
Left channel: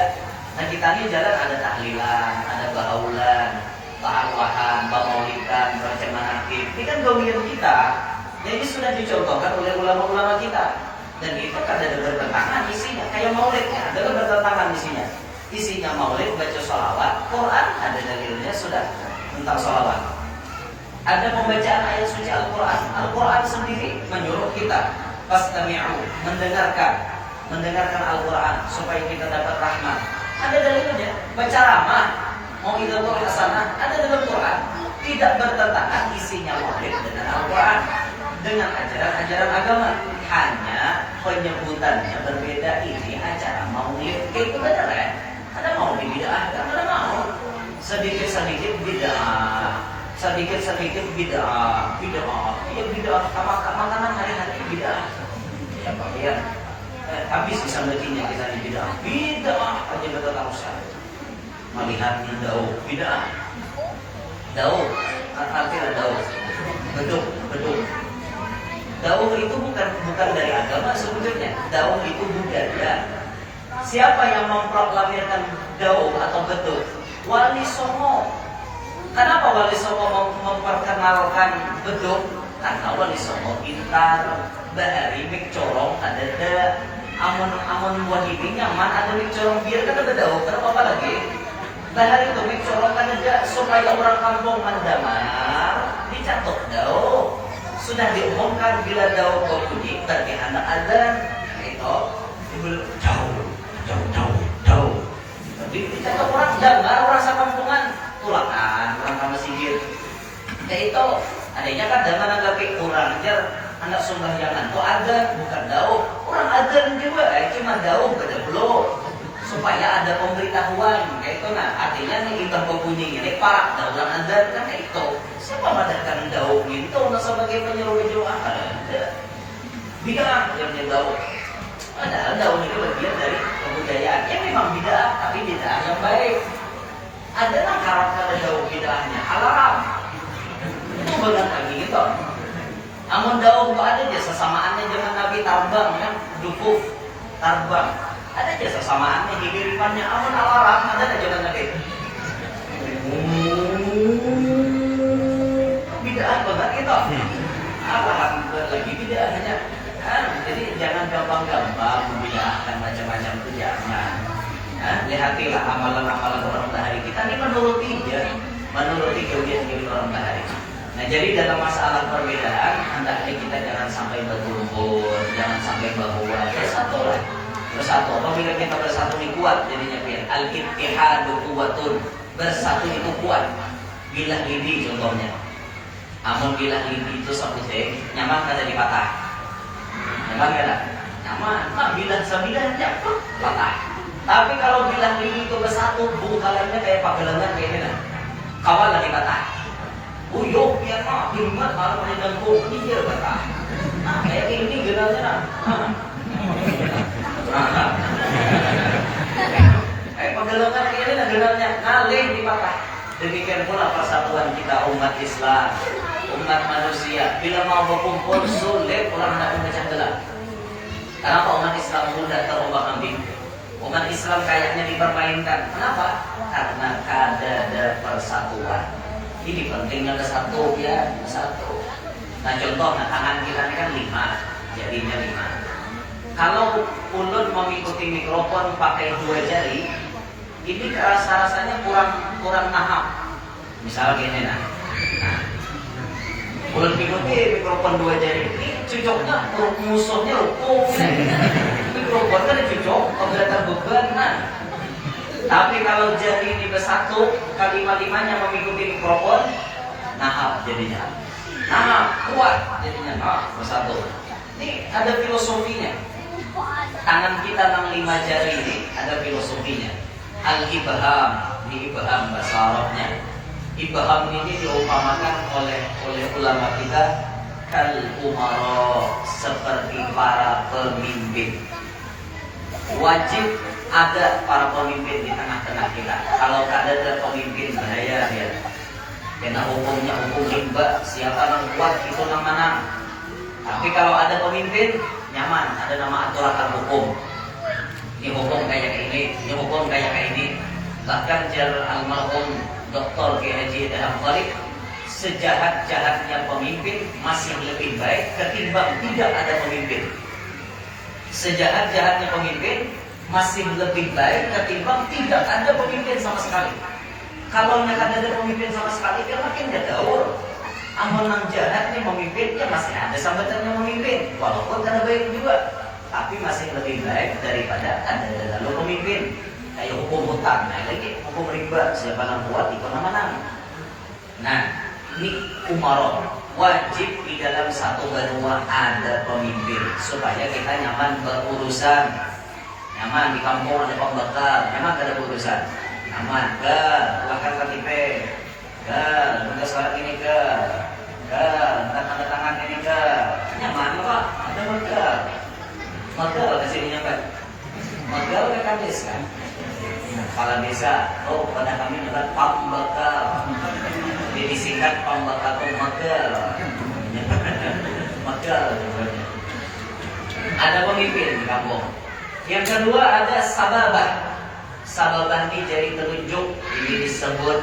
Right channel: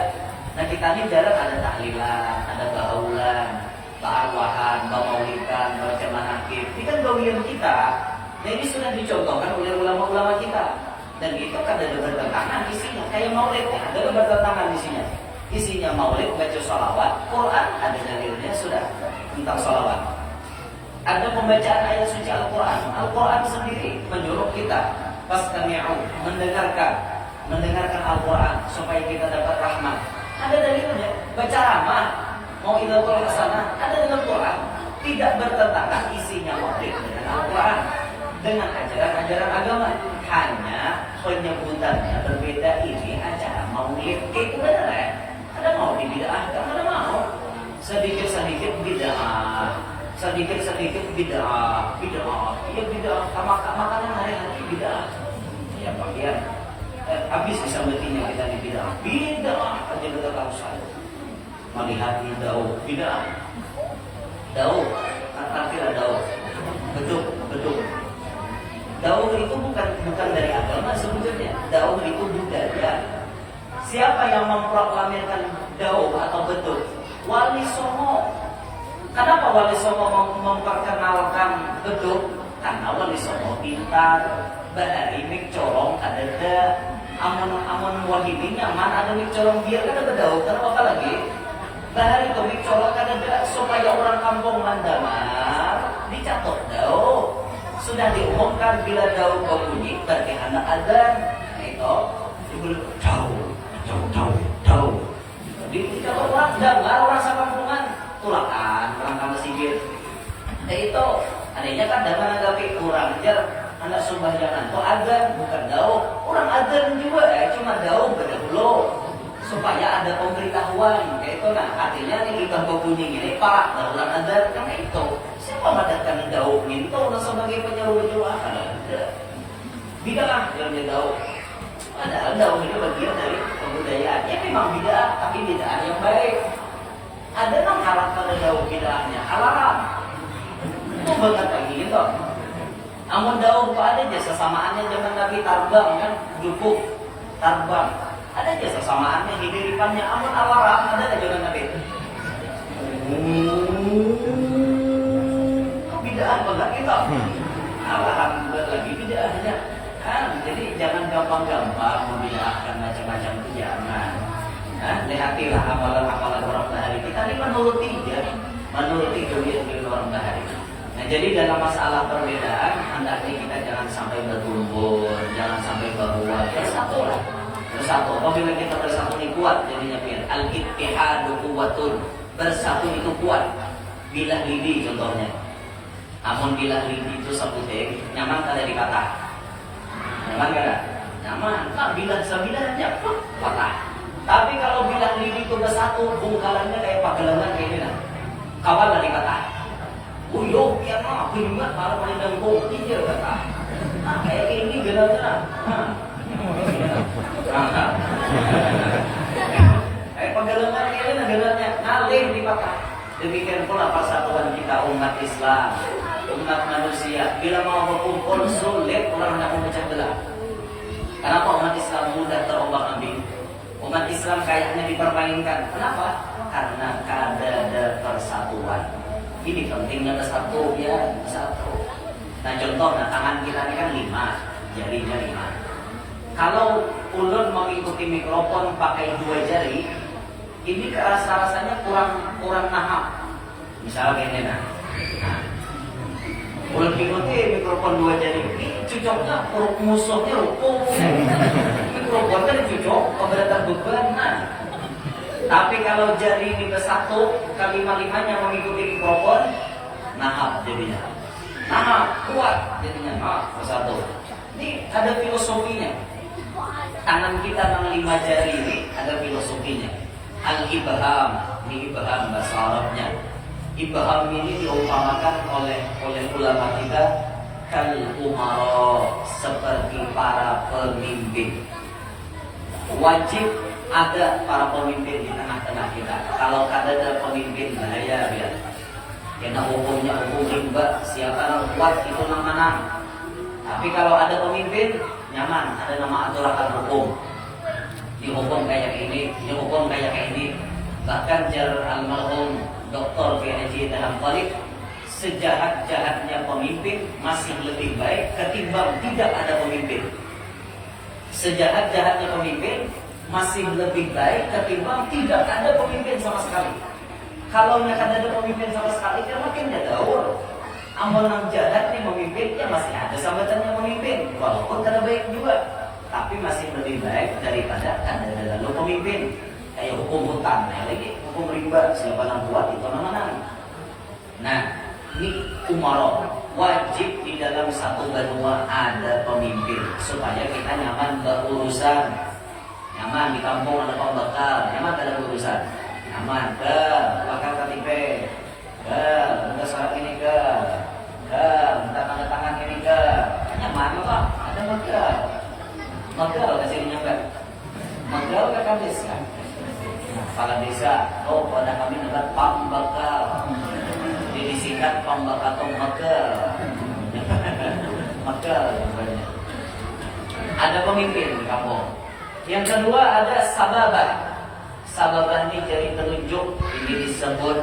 Nah kita ini jalan ada tahlilan, ada bahaulan, ta'arwahan, bamaulidan, baca manaqib. Ini kan gawian kita. Ya ini sudah dicontohkan oleh ulama-ulama kita. Dan itu kan ada bertentangan isinya. Kayak maulid ya, ada bertentangan isinya. Isinya maulid, baca sholawat, Quran ada dalilnya sudah tentang sholawat. Ada pembacaan ayat suci Al-Quran. Al-Quran sendiri menyuruh kita fastami'u, mendengarkan Al-Quran supaya kita dapat rahmat. Ada dalilnya. Baca ramah, mau idzatul hasanah, ada dalam Quran. Tidak bertentangan isinya maulid dengan Al-Quran, dengan ajaran-ajaran agama. Hanya penyebutannya berbeda. Ini acara maulid. Itu benar ya? Ada maulid bid'ah, ada mau. Sedikit-sedikit bid'ah. Sedikit-sedikit bid'ah. Iya bid'ah. Makanan hari-hari bid'ah. Ya pakaian. Habis disambutinya kita di bid'ah. Bid'ah aja betul tahusan. Melihat di daun bid'ah. Daun, artinya daun. Beduk. Daun itu bukan dari agama sebetulnya. Daun itu budaya. Siapa yang memproklamirkan daun atau beduk? Wali Songo. Kenapa Wali Songo memperkenalkan beduk? Karena Wali Songo pintar. Bahari mik corong ada amon wahidi nyaman ada mik corong biar kan ada daun. Kenapa lagi? Bahari itu mik corong ada supaya orang kampung mandamar dicatok daun. Sudah diumumkan bila daun berbunyi berarti hendak azan. Itu dibeli jauh. Dicatat orang jambar, orang sakampungan tulakan, orang kamar singgir. Itu adanya kan dengan agak kurang jar anak sumbahyangan itu ada bukan daun. Orang ada juga cuma daun beda belum supaya ada pemberitahuan kayak itu. Nah artinya nih ikan berbunyi ini parak daulan ada kan kayak itu. Siapa mengadakan daun itu sebagai penyeru jemaah ada. Bid'ah yang daun. Padahal daun itu bagian dari kebudayaan. Ya memang bid'ah, tapi bid'ah yang baik. Ada yang haram pada daun bid'ahnya, haram. Itu banyak lagi gitu. Namun daun itu ada aja sesamaannya zaman Nabi tarbang kan, dukuf, tarbang. Ada aja sesamaannya, hidiripannya. Namun haram ada aja zaman Nabi. Bid'ah banget gitu. Alhamdulillah lagi bid'ahnya. Jadi jangan gampang-gampang membid'ahkan macam-macam itu jangan. Lihatilah amalan-amalan orang bahari kita ini menuruti gawian orang bahari. Nah jadi dalam masalah perbedaan hendaknya kita jangan sampai berkumpul, jangan sampai berbuat. Bersatu. Apabila kita bersatu ini kuat jadinya biar al-ittihadu quwwatun. Bersatu itu kuat. Bilah lidi contohnya. Namun bilah lidi itu sebutnya nyaman kada dipatah. Nyaman kada? Nyaman. Nah bilah sembilannya pun patah. Tapi kalau bilah lidi itu bersatu, bungkalannya kayak pagelangan kayak ini nah. Kawan lagi patah. Uyuh biar mah bingat malah pada dengkul hijau patah. Nah kayak ini genalnya nah. Kayak pagelangan kayak ini nah genalnya ngalih dipatah. Demikian pula persatuan kita umat Islam, umat manusia. Bila mau berkumpul sulit orang hendak memecah belah. Kenapa umat Islam mudah terombak-ambing? Umat Islam kayaknya dipermainkan. Kenapa? Karena ada persatuan. Ini pentingnya bersatu ya, bersatu. Nah contoh, tangan kita ini kan 5, jarinya 5. Kalau ulun mengikuti mikrofon pakai 2 jari, ini rasa-rasanya kurang nahap. Misal gini nah. Ulun ikuti mikrofon 2 jari, ini cocoknya musuhnya rukun. mikrofon kan cocok keberatan beban. Nah, tapi kalau jadi ini bersatu, kelima-limanya mengikuti mikrofon, nah jadinya. Nah, kuat jadinya. Nah, bersatu. Ini ada filosofinya. Tangan kita yang 5 jari ini ada filosofinya. Al-ibham, ini ibham bahasa Arabnya. Ibham ini diumpamakan oleh ulama kita kal umara, seperti para pemimpin. Wajib ada para pemimpin di tengah-tengah kita. Kalau ada pemimpin bahaya ya. Karena hukumnya hukum rimba, siapa yang kuat itu yang menang. Tapi kalau ada pemimpin nyaman, ada nama aturan hukum. Ini hukum kayak ini hukum kayak ini. Bahkan jar almarhum Dr. G.Haji Dahlan Khalid, sejahat-jahatnya pemimpin masih lebih baik ketimbang tidak ada pemimpin. Sejahat-jahatnya pemimpin masih lebih baik ketimbang tidak ada pemimpin sama sekali. Kalau ada pemimpin sama sekali, kan makin jauh. Amun yang jahat nih memimpin, ya masih ada sambatannya memimpin, walaupun ada baik juga, tapi masih lebih baik daripada ada lalu pemimpin. Kayak hukum hutang, nah lagi hukum riba, siapa yang kuat itu menang. Nah, ini umaro, wajib di dalam satu benua ada pemimpin supaya kita nyaman berurusan. Nyaman di kampung ada pembakar, nyaman ada berurusan. Nyaman ke bakar KTP, minta surat ini minta tanda tangan ini nyaman kok, ada magal kesininya kan, magal ke kamis kan. Kepala desa, pada kami adalah pambakar. Jadi disingkat pambakar atau magal. Magal sebenarnya. Ada pemimpin di kampung. Yang kedua ada sababah. Sababah ini jadi penunjuk. Ini disebut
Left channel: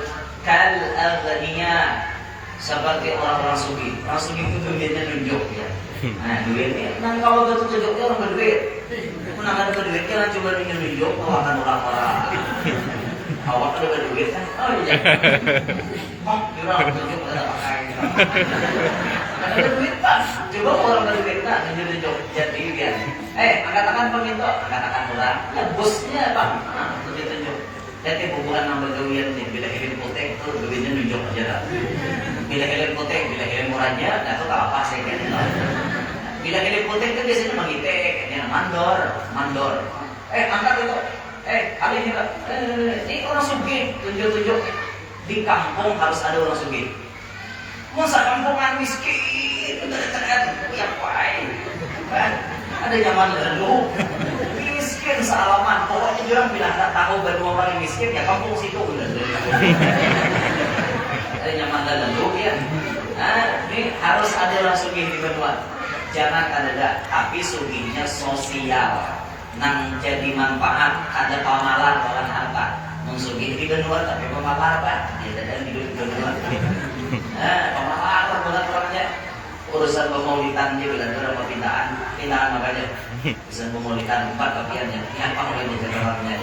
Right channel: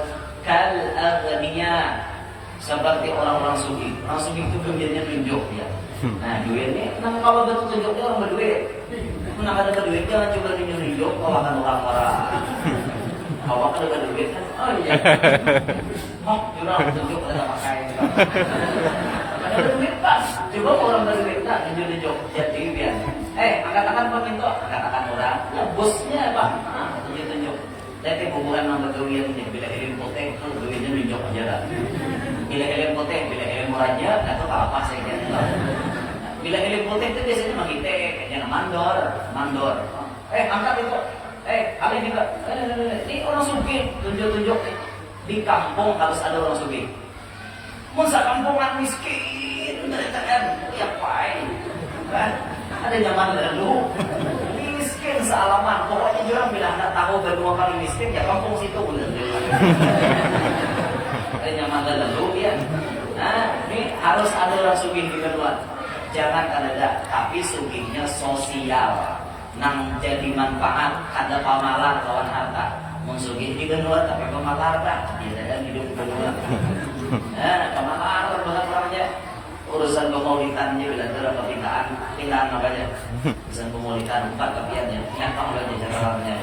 kal agniya, seperti orang-orang sugih. Orang sugih itu duitnya tunjuk ya. Nah duitnya, kalau betul tunjuknya orang berduit. Menang ada berduit, jangan coba nunjuk, akan orang-orang. Awak ada berduit kan? Oh iya. Curang tunjuk ada pakai gitu. Ada berduit pak, coba orang berduit tak tunjuk-tunjuk. Jadi dia, angkat tangan pemintu, angkat tangan orang. Ya bosnya pak, tunjuk-tunjuk. Jadi hubungan sama gawian nih, bila kirim potek tuh duitnya nunjuk aja dah. Bila kirim potek, bila kirim murahnya, nggak tahu apa saya kan. Bila kirim potek itu biasanya menghitek, kayaknya mandor. Angkat itu. Ada ini pak. Ini orang sugih, tunjuk-tunjuk. Di kampung harus ada orang sugih. Masa kampungan miskin, kan? Yang paling, kan? Ada nyaman lalu. Miskin sealaman. Pokoknya orang bilang tak tahu berdua paling miskin ya kampung situ udah. Ada nyaman lalu ya. Nah, ini harus ada orang sugih di benua. Jangan ada, tapi sugihnya sosial. Nang jadi manfaat, ada pamalar lawan harta. Mensugih di benua tapi pamalar apa? Dia dan hidup di benua. Pamalar banget orangnya. Urusan pemaulitannya bila ada pindahan apa aja. Urusan pemaulitan 4 kapiannya. Ingat apa lagi jalan-jalannya.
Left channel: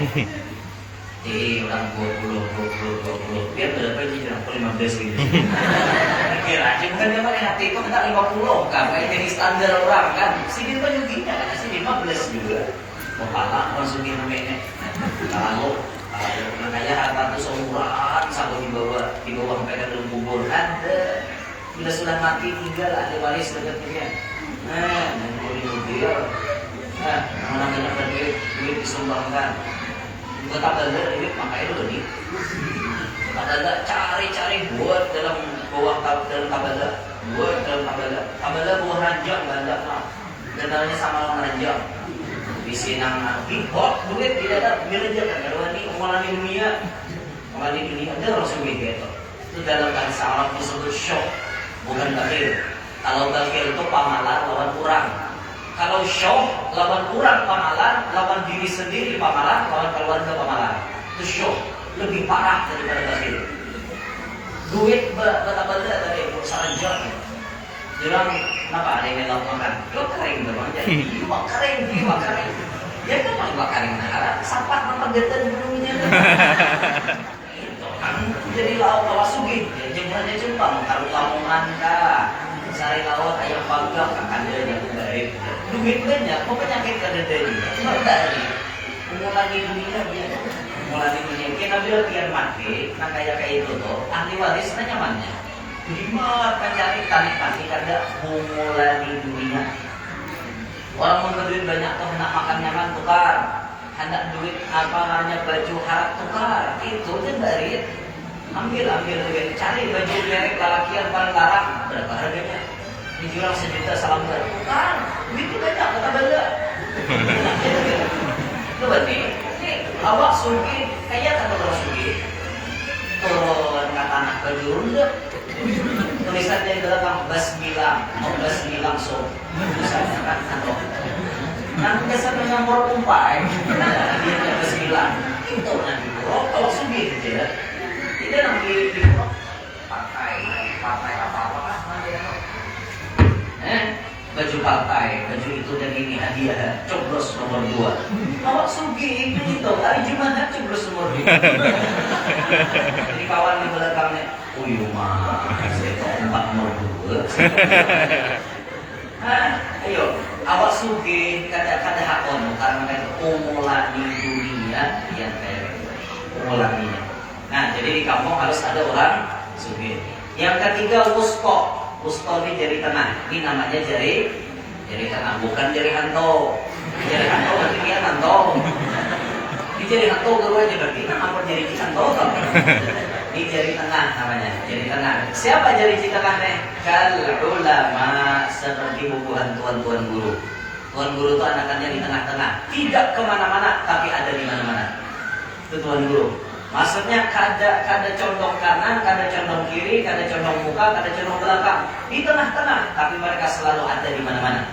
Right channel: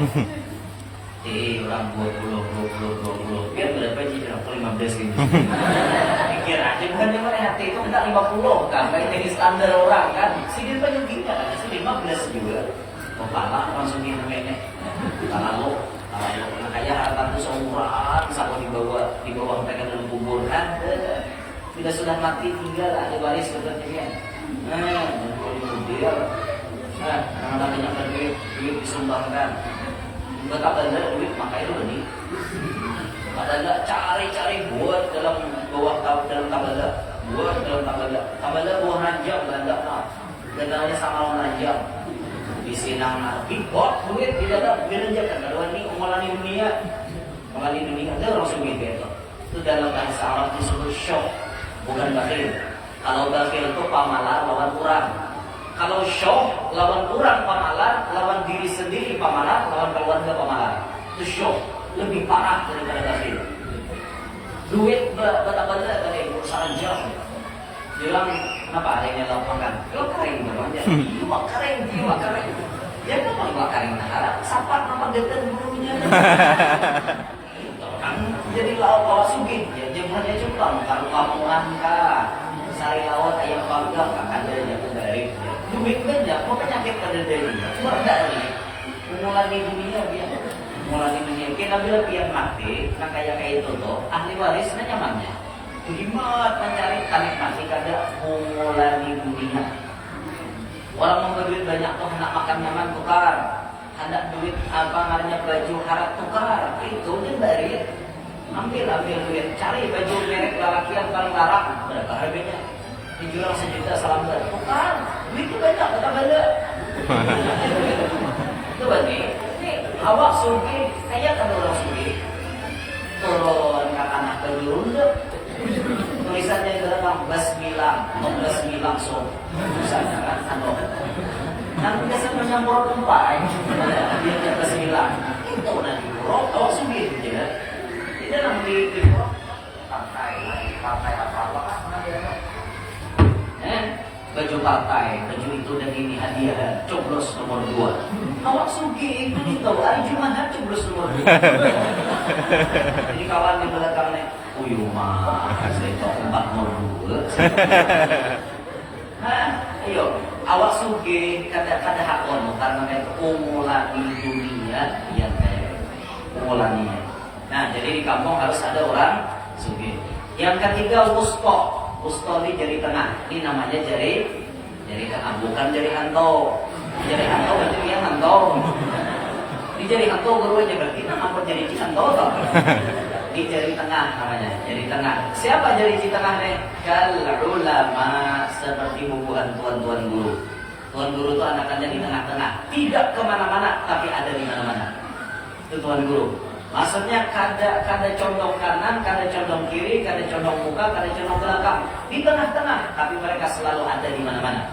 Jadi orang 20. Biar berapa aja orang 15 gitu. Pikir aja bukan cuma hati itu minta 50 kan. Kayak jadi standar orang kan. Sidin kan juga kan. Sidin 15 juga. Kepala langsung ini nenek. Kalau kayak harta itu seumuran bisa di bawah mereka dalam kubur ada. Bila sudah mati tinggal ada baris dekatnya. Dan kalau di mobil, mana banyak duit disumbangkan. Betapa ada duit makanya dulu nih. Tabala cari buat dalam tabala, buat dalam tabala buah ranjang banyak lah. Ganalnya sama orang ranjang. Di sinang bot duit tidak ada gereja kan kalau ini umalan di dunia ada langsung gitu. Itu dalam bahasa Arab disebut syok, bukan bakhil. Kalau bakhil itu pamalar lawan kurang. Kalau syok lawan kurang pamalar, lawan diri sendiri pamalar, lawan keluarga pamalar. Itu syok lebih parah daripada bakhil. Duit bata-bata tadi urusan ranjang. Jelang kenapa ada yang lalu makan? Lo kering bermanja. Iya kering. Ya kan mau kering nahara. Sapat nama geten gunungnya. Itu kan jadi lauk bawa sugih. Ya jemurnya cumpang. Kalau lamongan kah. Sari laut ayam panggang akan dia yang baik. duit banyak, mau penyakit kada dari, cuma dari mulai dunia biar mulai dunia kita bila biar mati, nah kayak itu tuh ahli waris nyamannya. Jimat mencari tanik mati kada mulai dunia. Orang mau duit banyak tuh hendak makan nyaman tukar, hendak duit apa namanya baju harap tukar, itu dia dari ambil duit, cari baju merek galakian barang-barang berapa harganya? Dijual 1 juta salam tukar, duitnya banyak kata benda. Coba nih, awak sugi kayak kata orang sugi turun ke tanah berjunda. Tulisannya di belakang basmi langsung misalnya kan atau yang kesan menyampur umpai dia basmilang itu nanti bro kalau sugi gitu ya tidak nanti di partai apa baju partai baju itu dan ini hadiah coblos nomor 2 awak sugi itu hari Jumat coblos nomor 2 jadi kawan di belakangnya mah, saya kok 4 nomor 2 ayo awak sugi kada hakon karena itu umulani dunia yang umulaninya. Nah jadi di kampung harus ada orang sugi. Yang ketiga wusto ini jari tengah, ini namanya jari tengah, bukan jari hanto. Jari hanto berarti dia hanto. Ini jari hanto guru aja berarti, apa jari hanto tau? Ini jari tengah namanya, jari tengah. Siapa jari tengah nih? Kal ulama, seperti bubuhan tuan-tuan guru. Tuan guru itu anakannya di tengah-tengah, tidak kemana-mana, tapi ada di mana-mana. Itu tuan guru. Maksudnya kada condong kanan, kada condong kiri, kada condong muka, kada condong belakang. Di tengah-tengah, tapi mereka selalu ada di mana-mana.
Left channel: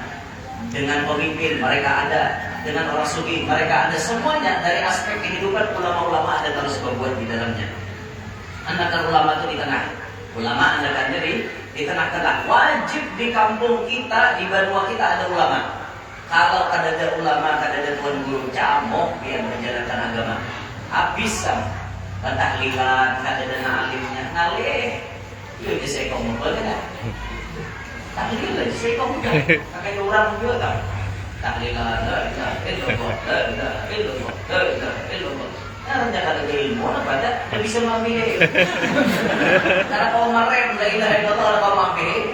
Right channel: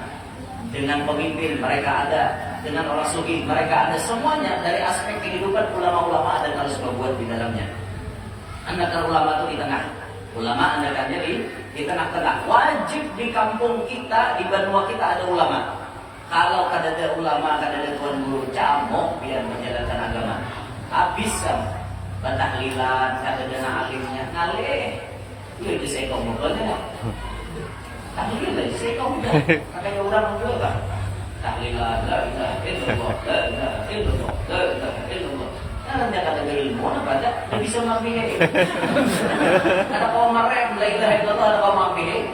Dengan pemimpin mereka ada, dengan orang sugih mereka ada, semuanya dari aspek kehidupan ulama-ulama ada harus berbuat di dalamnya. Anakan ulama itu di tengah. Ulama anakannya di tengah-tengah. Wajib di kampung kita, di Banua kita ada ulama. Kalau kada ada ulama, kada ada tuan guru, camok biar menjalankan agama. Habis sama. Pentahlilan, kada ada alimnya, ngalih. Iya je saya kamu boleh. Tahlil aja saya kamu dah. Kakaknya orang juga tak. Tahlilan, la ilaha illallah, la ilaha illallah, la ilaha illallah. Nah, rendah kada ilmu apa ada, dia bisa mengambil. Kada kau merem, la ilaha illallah, ada kau mengambil.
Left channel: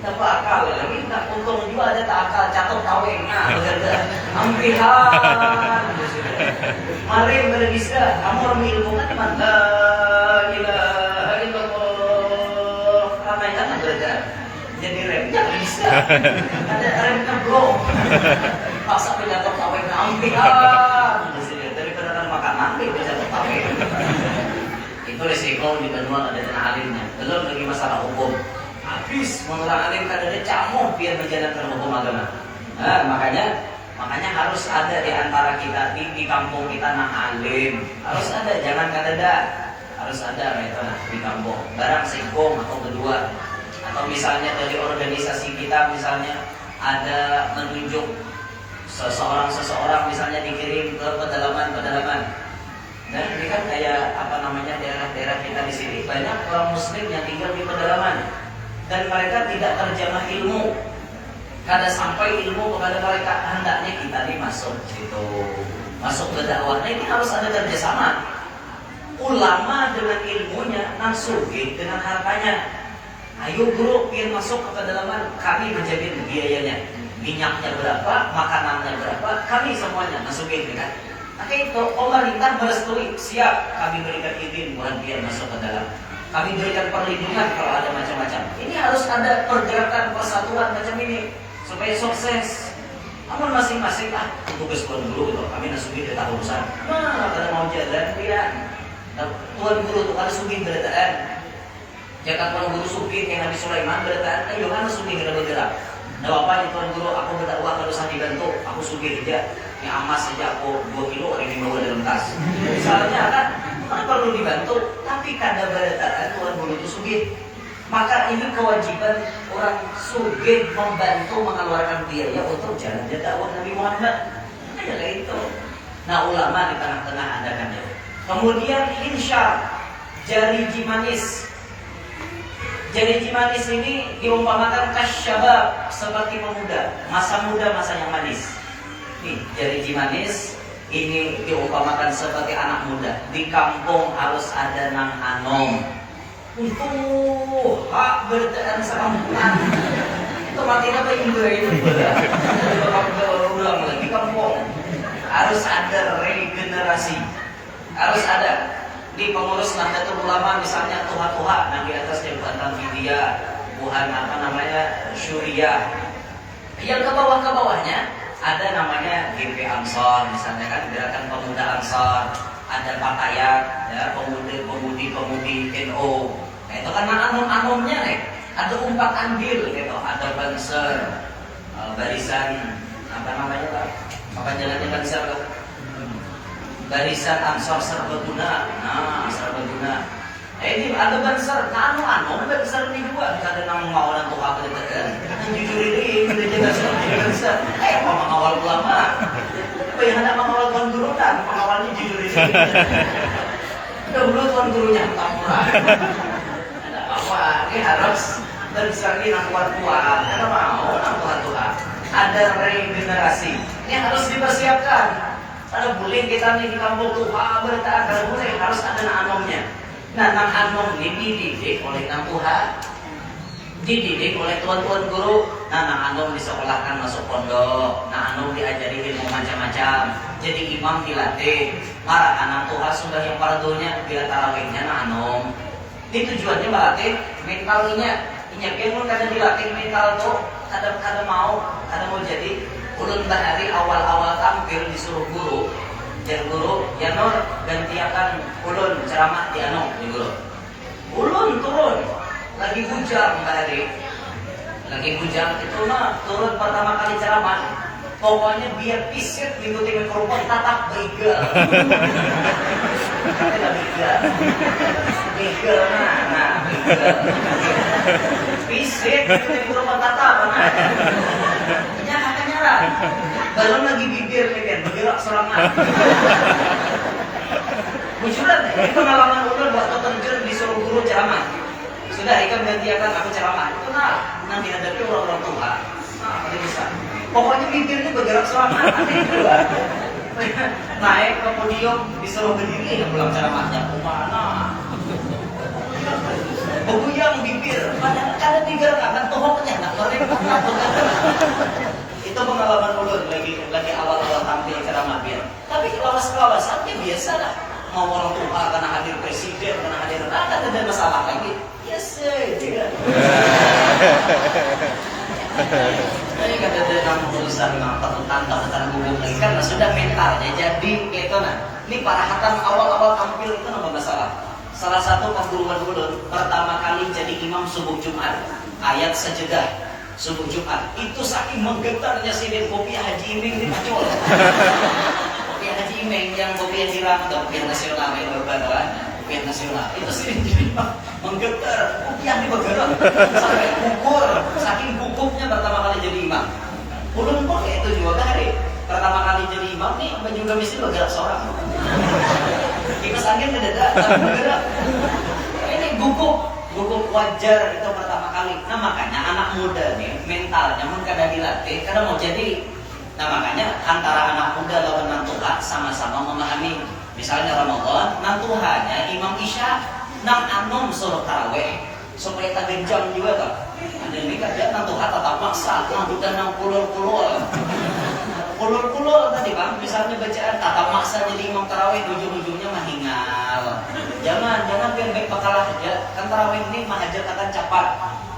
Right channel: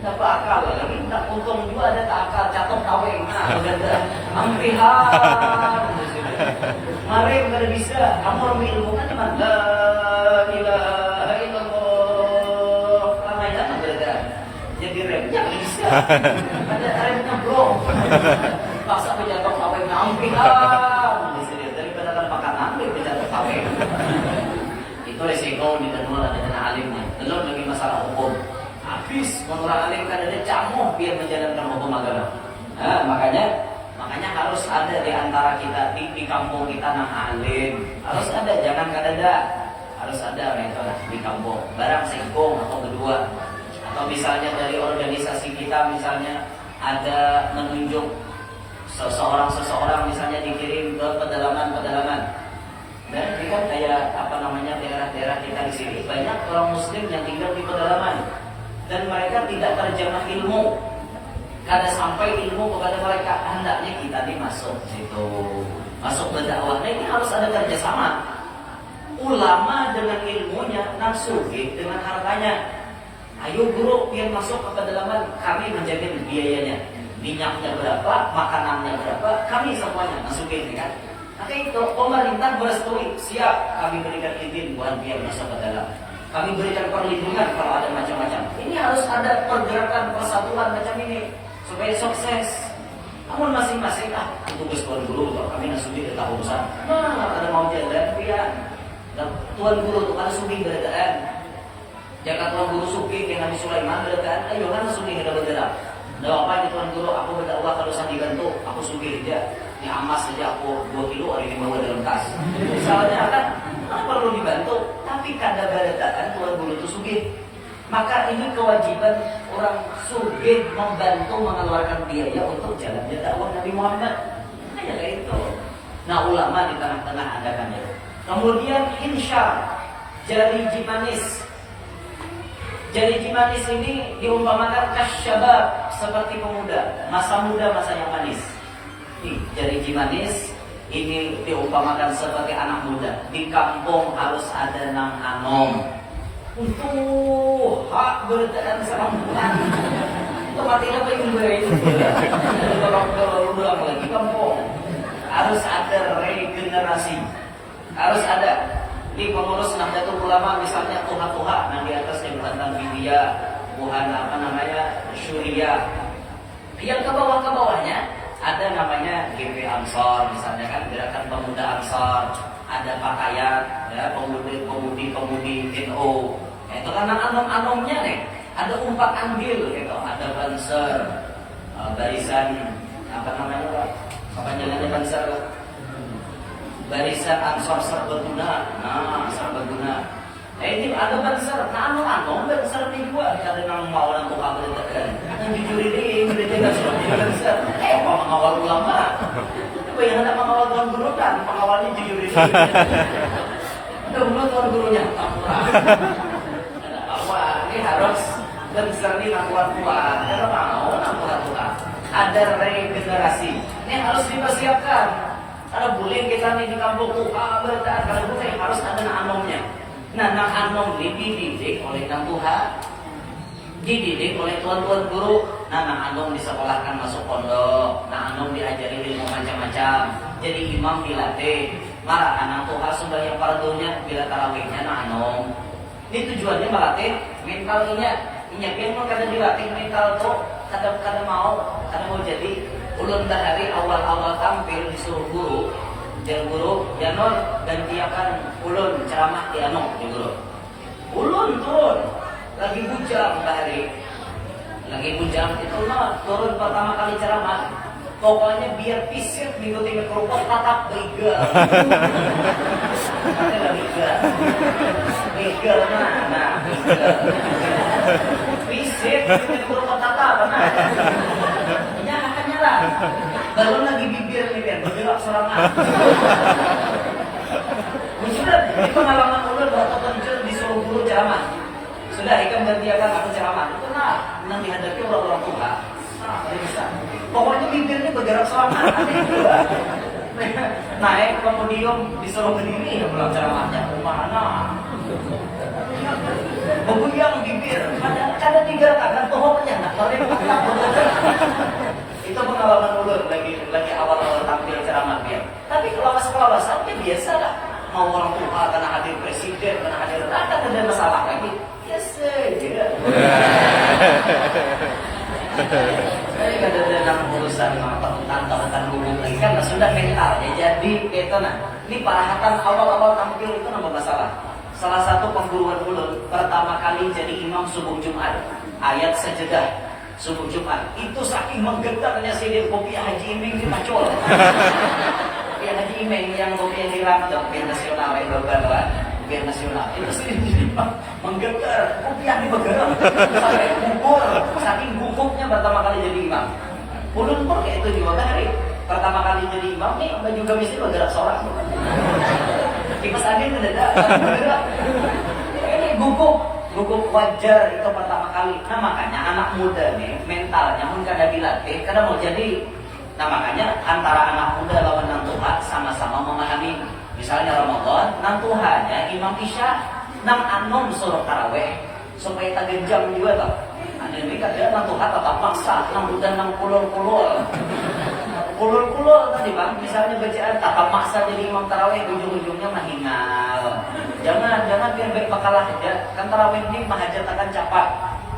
Dapat akal lagi, tak untung juga ada tak akal, catok taweng. Nah, begadang ampihan. Marem kada bisa, kamu orang ilmu kan teman. La ilaha illallah. Ramai jangan begadang. Jadi remnya bisa. Ada remnya bro. Paksa penjatok taweng ampihan. Daripada kan makanan, penjatok taweng. Itu resiko di Banua ada tanah alimnya. Belum lagi masalah hukum. Habis mengulang alim kan ada camuh biar menjalankan hukum agama. Nah, makanya harus ada di antara kita di kampung kita nang alim. Harus ada, jangan kadada. Harus ada metode di kampung. Barang singkong atau kedua. Atau misalnya dari organisasi kita misalnya ada menunjuk seseorang misalnya dikirim ke pedalaman. Dan ini kan kayak apa namanya daerah-daerah kita di sini banyak orang muslim yang tinggal di pedalaman. Dan mereka tidak terjemah ilmu. Kada sampai ilmu kepada mereka, hendaknya kita masuk situ, masuk ke dakwah. Nah, ini harus ada kerjasama. Ulama dengan ilmunya, nasugi dengan hartanya. Ayo guru, biar masuk ke pedalaman, kami menjamin biayanya. Minyaknya berapa, makanannya berapa, kami semuanya nasugi kan. Nah itu pemerintah merestui, siap kami berikan izin buat biar masuk ke dalam. Kami berikan perlindungan kalau ada macam-macam. Ini harus ada pergerakan persatuan macam ini supaya sukses. Namun masing-masing tugas tuan guru tuh kami nasugi dari tahun urusan. Nah, kalau mau jalan biar tuan guru tuh kada sugi berataan. Jangan tuan guru sugi yang Nabi Sulaiman berataan. Ayo kan sugi kada bergerak. Nah, apa di tuan guru aku berdakwah kalau usah dibantu, aku sugi tidak. Yang amas saja aku 2 kilo hari ini bawa dalam tas. Misalnya kan mana perlu dibantu, tapi kada berataan tuan guru itu sugih. Maka ini kewajiban orang sugih membantu mengeluarkan biaya untuk jalannya dakwah Nabi Muhammad. Kayak itu. Nah ulama di tengah-tengah ada kan ya. Kemudian insya jari jimanis. Janji manis ini diumpamakan kasyabab, seperti pemuda, masa muda, masa yang manis. Nih, janji manis ini diumpamakan seperti anak muda. Di kampung harus ada nang anom. Untuk hak berjalan sekampungan. Itu matinya apa yang itu udah lagi kampung. Harus ada regenerasi. Harus ada. Di pengurus Nahdlatul Ulama misalnya tuha-tuha, nah di atasnya bukan Tanfidiyah, bukan Syuriah. Yang ke bawahnya ada namanya GP Ansor misalnya kan, gerakan pemuda Ansor, ada pakaian ya, pemudi NO. Nah, itu kan anom-anomnya nih. Ada umpat andil gitu, ada Banser, barisan apa namanya Pak? Apa jalannya Banser Pak? Barisan Ansor Serbaguna. Nah, Serbaguna. Ini ada Banser, anu Banser ini juga. Ada nama mau dan tuh apa dekat. Yang jujur ini jaga sudah jadi Banser. Mau mengawal ulama. Apa yang hendak mengawal tuan guru dan pengawalnya jujur ini. Udah dulu tuan gurunya tampura. Ada apa? Ini harus Banser ini kuat. Karena mau kuat. Ada regenerasi. Ini harus dipersiapkan. Kalau boleh kita nih di kampung tuh bertahan, kalau boleh harus ada nang anomnya. Nah, nang anom dididik oleh nang Tuhan, dididik oleh tuan-tuan guru. Nah, nang anom disekolahkan masuk pondok, nang anom diajari ilmu macam-macam. Jadi imam dilatih, marah anak Tuhan sudah yang fardunya bila tarawihnya nang anom. Ini tujuannya melatih mentalnya. Inyakin pun kadang dilatih mental tuh, kadang mau jadi. Ulun hari awal-awal tampil disuruh guru, guru, ya Nur gantiakan ulun ceramah di di guru. Ulun turun, lagi bujang hari, itu turun pertama kali ceramah. Pokoknya biar pisit mengikuti kerupuk tatap beriga. Katanya beriga, nah, pisit mengikuti kerupuk tatap, belum lagi bibir nih kan, bergerak serangan. Munculan, ini pengalaman ulun waktu terjun disuruh guru ceramah. Sudah, ikan gantiakan aku ceramah. Itu nanti hadapi orang-orang tua. Nah, bisa. Pokoknya bibirnya bergerak serangan. Naik ke podium disuruh berdiri, pulang ceramahnya. Mana? Beguyang bibir, kadang digerakkan tohoknya, nak lari. Itu pengalaman ulun lagi awal-awal tampil ceramah biar. Tapi kelawas-kelawasannya biasa lah. Mau orang tua karena hadir presiden, karena hadir rakyat ada masalah lagi. Biasa aja. Ini kan ada urusan tentang gugup lagi kan sudah mentalnya. Jadi itu ini parahatan awal-awal tampil itu nama masalah. Salah satu pengguruan ulun pertama kali jadi imam subuh Jumat, ayat sajadah. Subuh Jumat itu saking menggetarnya sidin kopiah Haji Iming di Pacol. Kopiah Haji Iming yang kopiah dirang atau kopiah nasional yang berbadan kopiah nasional itu sidin menggetar, kopiah bergerak sampai gugur, saking gugupnya pertama kali jadi imam. Ulun pun kayak itu juga hari pertama kali jadi imam nih baju gamis ini bergerak seorang. Kipas angin mendadak tapi bergerak. Ini gugup wajar itu pertama kali. Nah makanya anak muda nih mentalnya pun kadang dilatih, kadang mau jadi. Nah makanya antara anak muda lawan nantuha sama-sama memahami. Misalnya Ramadan, nantuhanya Imam Isya, nang anom suruh taraweh supaya tak genjam juga toh. Ada ini kadang nantuha tetap maksa, nang bukan nang kulur tadi bang. Misalnya bacaan tetap maksa jadi imam taraweh, ujung-ujungnya mahingal. Jangan biar baik bakalah aja. Kan tarawih ini mahajat akan cepat.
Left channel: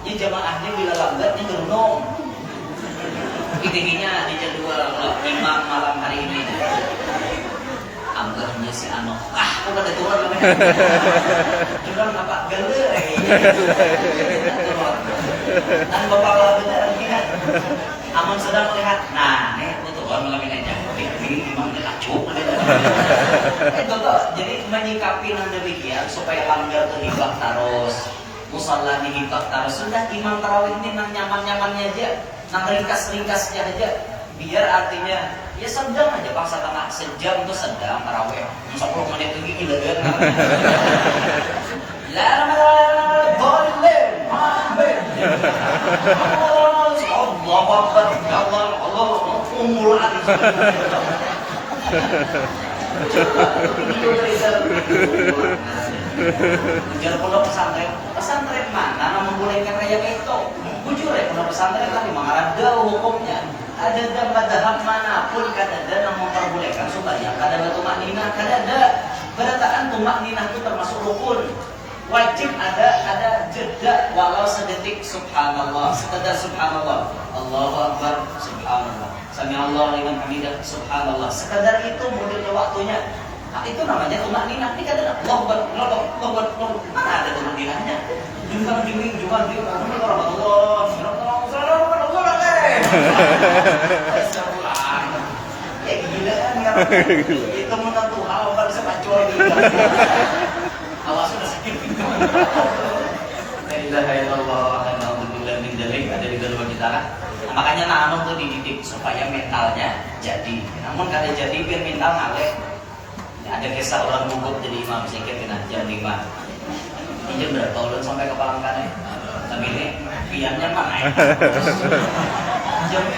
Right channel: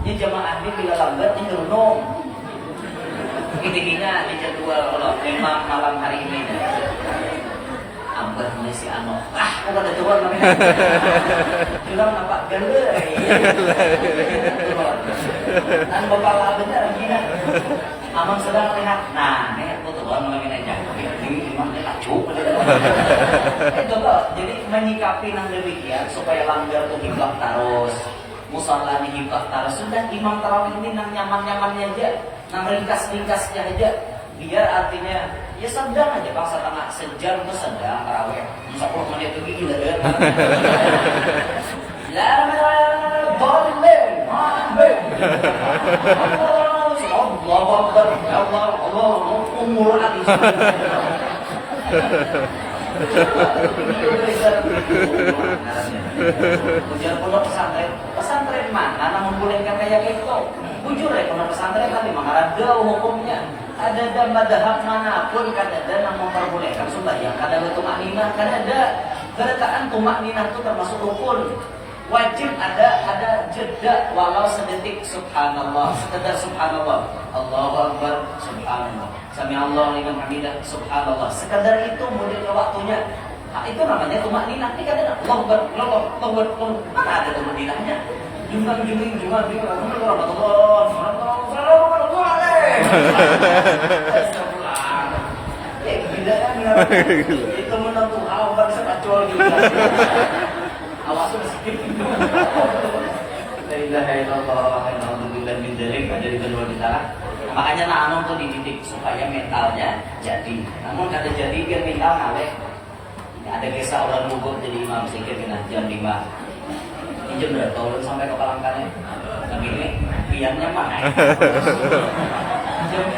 Ini jamaahnya bila lambat ini gerunung. Intinya di jadwal imam malam hari ini. Ambarnya si Ano. Bukan ada turun namanya. Jurang nampak gele. Turun. Dan bapak benar ingat. Amam sedang melihat. Nah, ini aku turun ngalamin aja. Ini imamnya kacuk. Itu toh. Jadi menyikapi nang demikian supaya langgar tuh hibah terus. Musalla hibah terus. Sudah imam tarawih ini nang nyaman-nyamannya aja. Nang ringkas-ringkasnya aja. Biar artinya ya sedang aja bang, setengah sejam tuh sedang tarawih. 10 menit itu gila kan. La ilaha illallah. Allah Akbar, ya Allah, Allah, umul alis. Ujar pondok pesantren mana namun bolehkan kayak gitu. Bujur ya pondok pesantren kan memang ada hukumnya. Ada madhab manapun kan ada yang memperbolehkan supaya kan ada tumak ninah kan ada. Berataan tumak ninah itu termasuk rukun. Wajib ada jeda walau sedetik subhanallah, sekedar subhanallah. Allahu Akbar, subhanallah. Sami Allah liman hamidah, subhanallah. Sekedar itu modelnya waktunya. Nah, itu namanya tumak ninah. Ini kadang Allahu Akbar, Allahu Akbar, Allahu Akbar. Mana ada tumak ninahnya? Jumbang jumbing jumbang jumbing warahmatullah ya gila kan ya. Itu menentu Allahu Akbar bisa bacol gitu. Awas sudah sakit. La ilaha illallah wa na'udzubillah min dzalik ada di kedua kita. Makanya namun tuh dididik supaya mentalnya jadi. Namun kada jadi biar mental ngaleh. Ada kisah orang gugup jadi imam sedikit jam 5. Ini jam berapa ulun sampai ke Palangkaraya. Tapi ini piannya mah naik.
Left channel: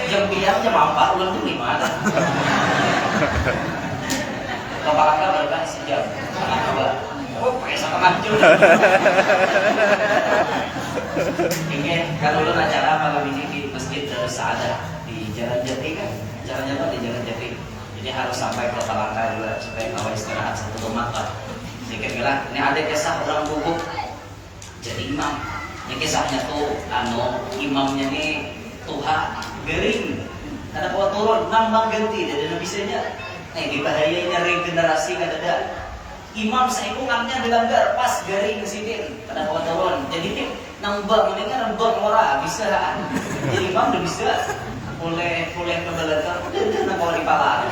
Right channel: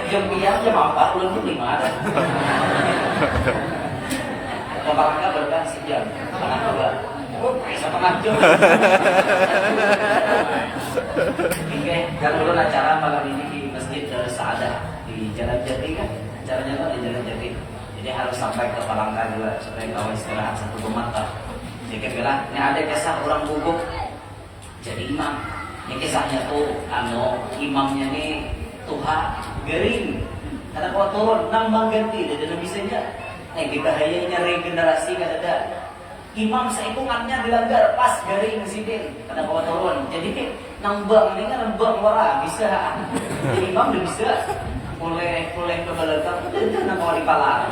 Jam pian jam 4 ulun tuh 5. Ke Palangkaraya berapa sejam? Setengah 2. Oh, pakai setengah jam. Oke, kalau ulun acara malam ini di Masjid Sa'adah di Jalan Jati kan. Acaranya tuh di Jalan Jati. Jadi harus sampai ke Palangkaraya juga supaya kawan istirahat satu mata. Sedikit bilang, ini ada kisah orang gugup jadi imam. Ini kisahnya tuh imamnya nih tuha gering. Karena kalau turun nambang ganti dan bisanya. Nah, di bahayanya regenerasi kan ada. Imam seikungannya dilanggar pas garing sidin. Karena kalau turun jadi nambang mendingan nambang ora bisa. Jadi imam udah bisa. Mulai ke belakang, udah nak kawali pala.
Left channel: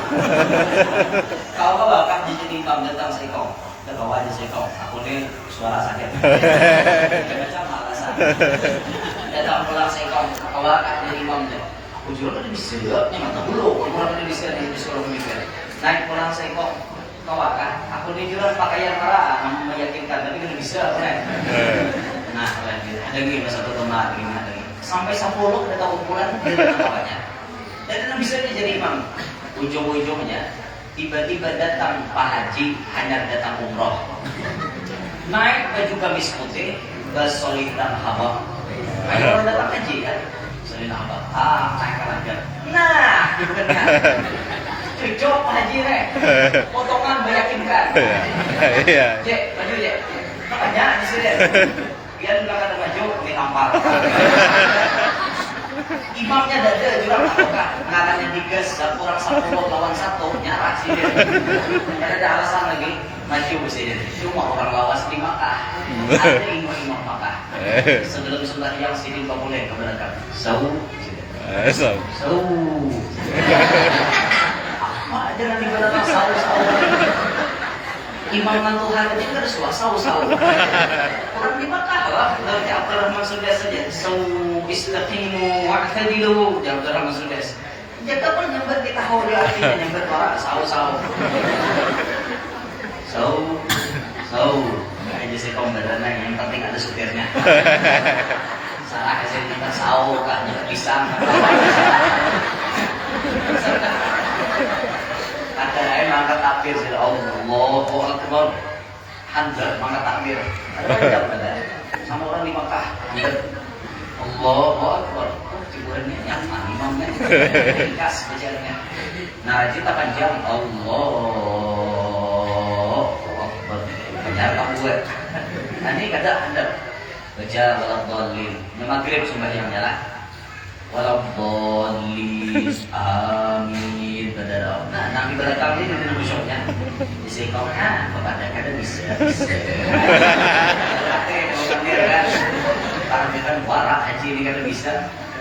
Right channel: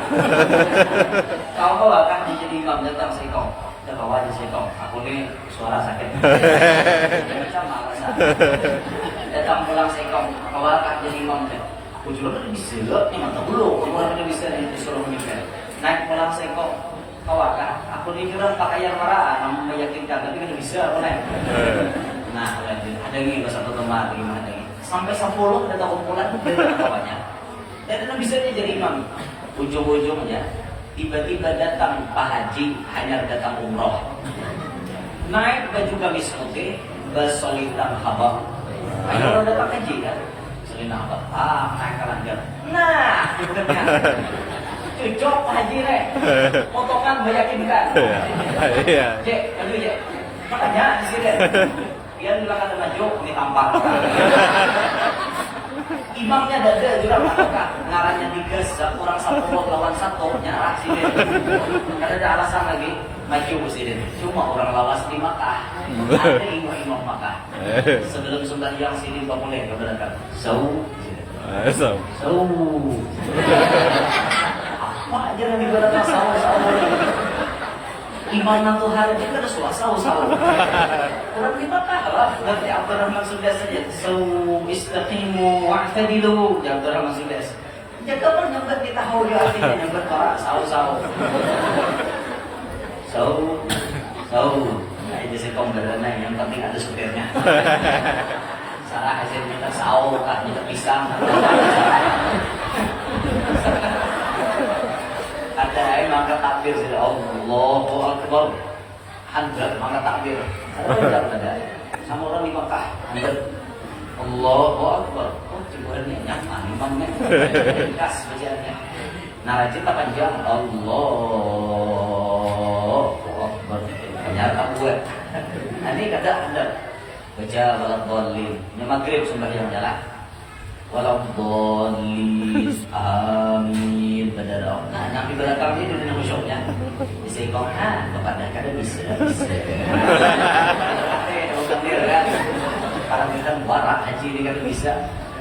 Kau akan jadi imam datang seikong, dah bawa aja seikong. Aku ni suara sakit, macam alasan. Datang pulang seikong, kau akan jadi imam deh. Aku jual udah bisa, memang tak dulu. Orang udah bisa disuruh mikir. Naik pulang seikong, kau akan. Aku ni jual pakaian marah, namun meyakinkan, tapi udah bisa, apa nih? Nah, lanjut. Ada lagi satu teman, gimana? Sampai 10 ada kumpulan dari kawannya. Dan bisa jadi imam. Ujung-ujungnya tiba-tiba datang Pak Haji hanya datang umroh. Naik baju gamis putih, basolitan habab. Ayo orang datang haji kan? Solitan habab. Naik kalangan. Nah, kan. Cocok Pak Haji rek. Potongan meyakinkan. Iya. Cek, baju cek. Makanya di sini. Biar nggak ada baju, ini tampar. Imamnya dada jurang takokah ngarannya digas kurang 10 lawan 1 nyarah sih dia. Karena ada alasan lagi maju presiden. Cuma orang lawas di Makkah. Ada imam Makkah. Sebelum sembahyang sini nggak boleh ke belakang. Sau. Apa aja nanti belakang sau. Imam nantu hari ini ada suasana orang di Makkah lah. Dari Abdurrahman Sudes saja. Istaqimu wa'tadilu. Ya Abdurrahman Sudes. Jaga pun nyambat di tahu dia artinya nyambat orang sau. Nggak aja sih kaum berenang. Yang penting ada supirnya. Salah aja nyambat sau kah nyambat pisang. Ada yang angkat takbir sih, Allahu Akbar. Handal angkat takbir. Ada sama orang di Makkah. Handal Allahu Akbar. Oh, cipuannya nyaman imamnya. Ringkas bacaannya. Narasi tak panjang. Allahu Akbar. Benar kamu buat. Nanti kata handal baca waladhdallin. Nya maghrib sembahyangnya lah. Waladhdallin. Amin. Nah, nanti belakang ini di nama syoknya disekong bapak dah kada bisa parameter warak haji ini kada bisa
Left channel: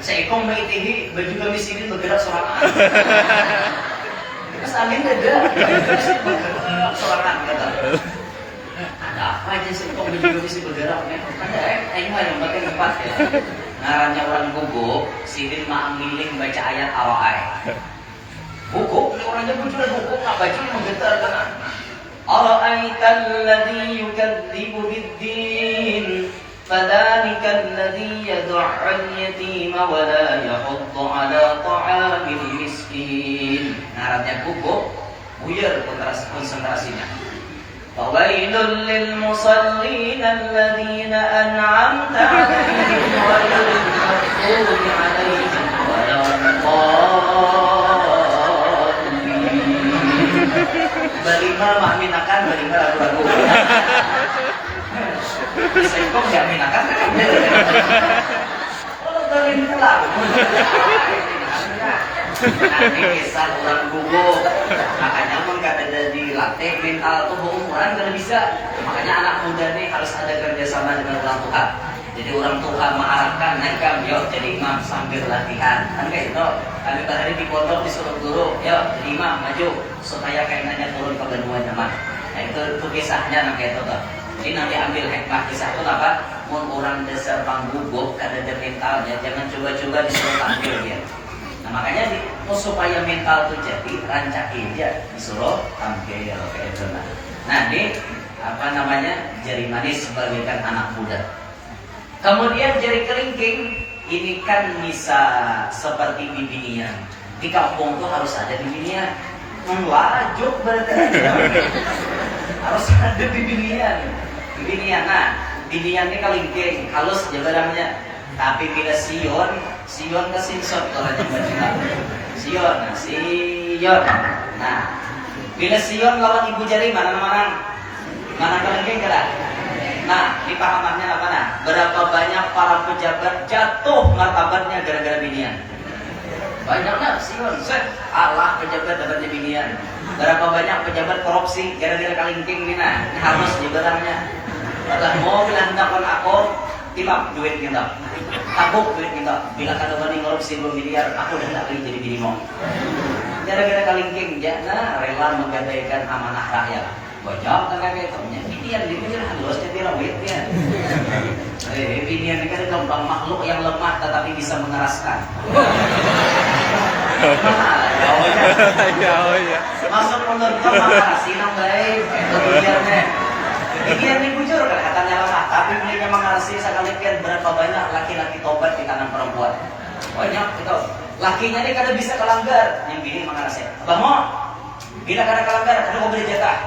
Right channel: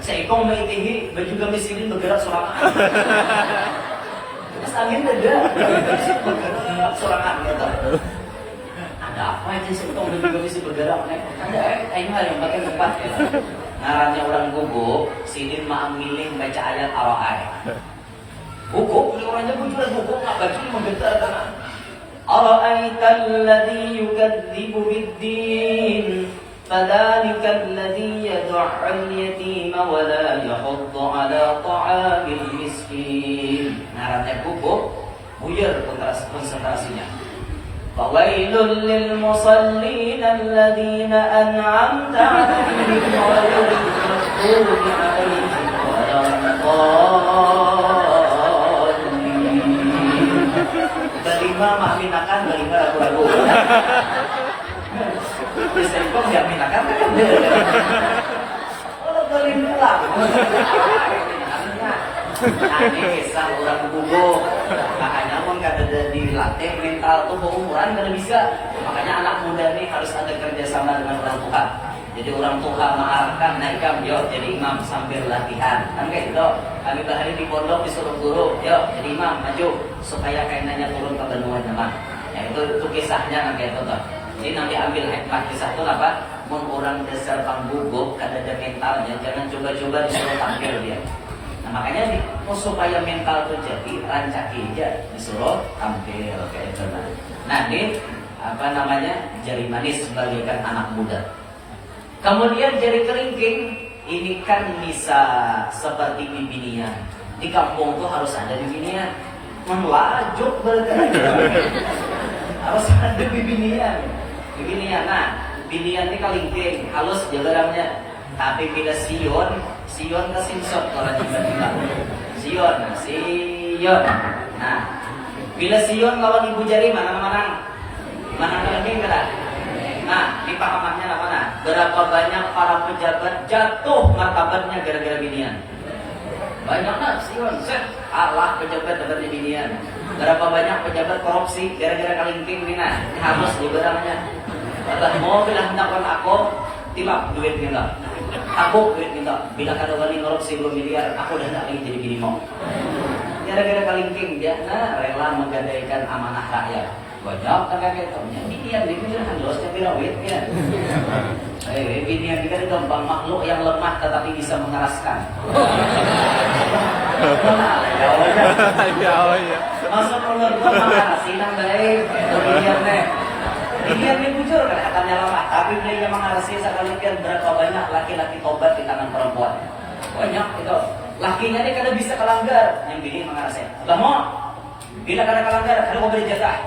seekong baitihi baju gamis ini bergerak sorangan terus angin ada bergerak sorangan kata ada apa aja seekong baju gamis bergerak ada yang pakai tempat ya ngarannya orang gugup sidin ma'am miling baca ayat al-ai hukum, orangnya muncul hukum nggak baju menggetar kan? Ara'aital ladzi yukadzibu biddin فذلك الذي يدع اليتيم ولا يحض على طعام المسكين. Ngarannya gubuk, buyar konsentrasinya. Fawailul lil musallin alladziina an'amta 'alaihim ghairil maghdubi 'alaihim waladdallin. Berlima mahminakan, berlima ragu-ragu. Sekong yang minakan kan kalau berlima lagu. Nanti kisah orang guguk. Makanya pun kada dilatih mental tuh umuran kada bisa. Makanya anak muda nih harus ada kerjasama dengan orang tua. Jadi orang tua mengarahkan, naik yuk jadi imam sambil latihan. Kan kayak itu. Kami bahari di pondok disuruh guru, yuk jadi imam maju supaya kayaknya turun ke benua nyaman. Nah itu kisahnya kayak itu tuh. Jadi nanti ambil hikmah kisah itu apa? Mun orang dasar pangguguk kada ada mentalnya, jangan coba-coba disuruh tampil dia. Nah makanya mau supaya mental itu jadi rancaki aja disuruh tampil kayak itu. Nah ini apa namanya jari manis bagaikan anak muda. Kemudian jari kelingking ini kan bisa seperti bibinian. Di kampung tuh harus ada bibinian. Melajuk berarti harus ada bibinian. Bibinian, nah bibinian ini kelingking halus jabarannya. Tapi bila sion ke sinsot orang juga sion, nah sion. Nah bila sion lawan ibu jari mana kelingking kada. Nah ini pahamannya apa nah? Berapa banyak para pejabat jatuh martabatnya gara-gara binian? Banyak nah sion, Allah pejabat dapatnya binian. Berapa banyak pejabat korupsi gara-gara kalingking ini nah? Ini harus jabarannya. Atau mau bilang hendakan aku tiba duit kita. Tabuk duit kita. Bila kada wani korupsi 2 miliar, aku dah nak jadi binimu. Gara-gara kalingking jangan rela menggadaikan amanah rakyat. Banyak kayak itu. Binian di punya halusnya birawitnya. Binian ini kan gampang makhluk yang lemah tetapi bisa mengeraskan. Mana jauhnya. Masuk menurut mengarasi nang baik. Itu biniannya. Binian ini bujur kelihatannya lemah, tapi belinya mengarasi sekali berapa banyak laki-laki tobat di tangan perempuan. Banyak itu. Lakinya ini kada bisa kelanggar, yang bini mengarasi. Abah mau bila kada kelanggar, kada mau beri jatah.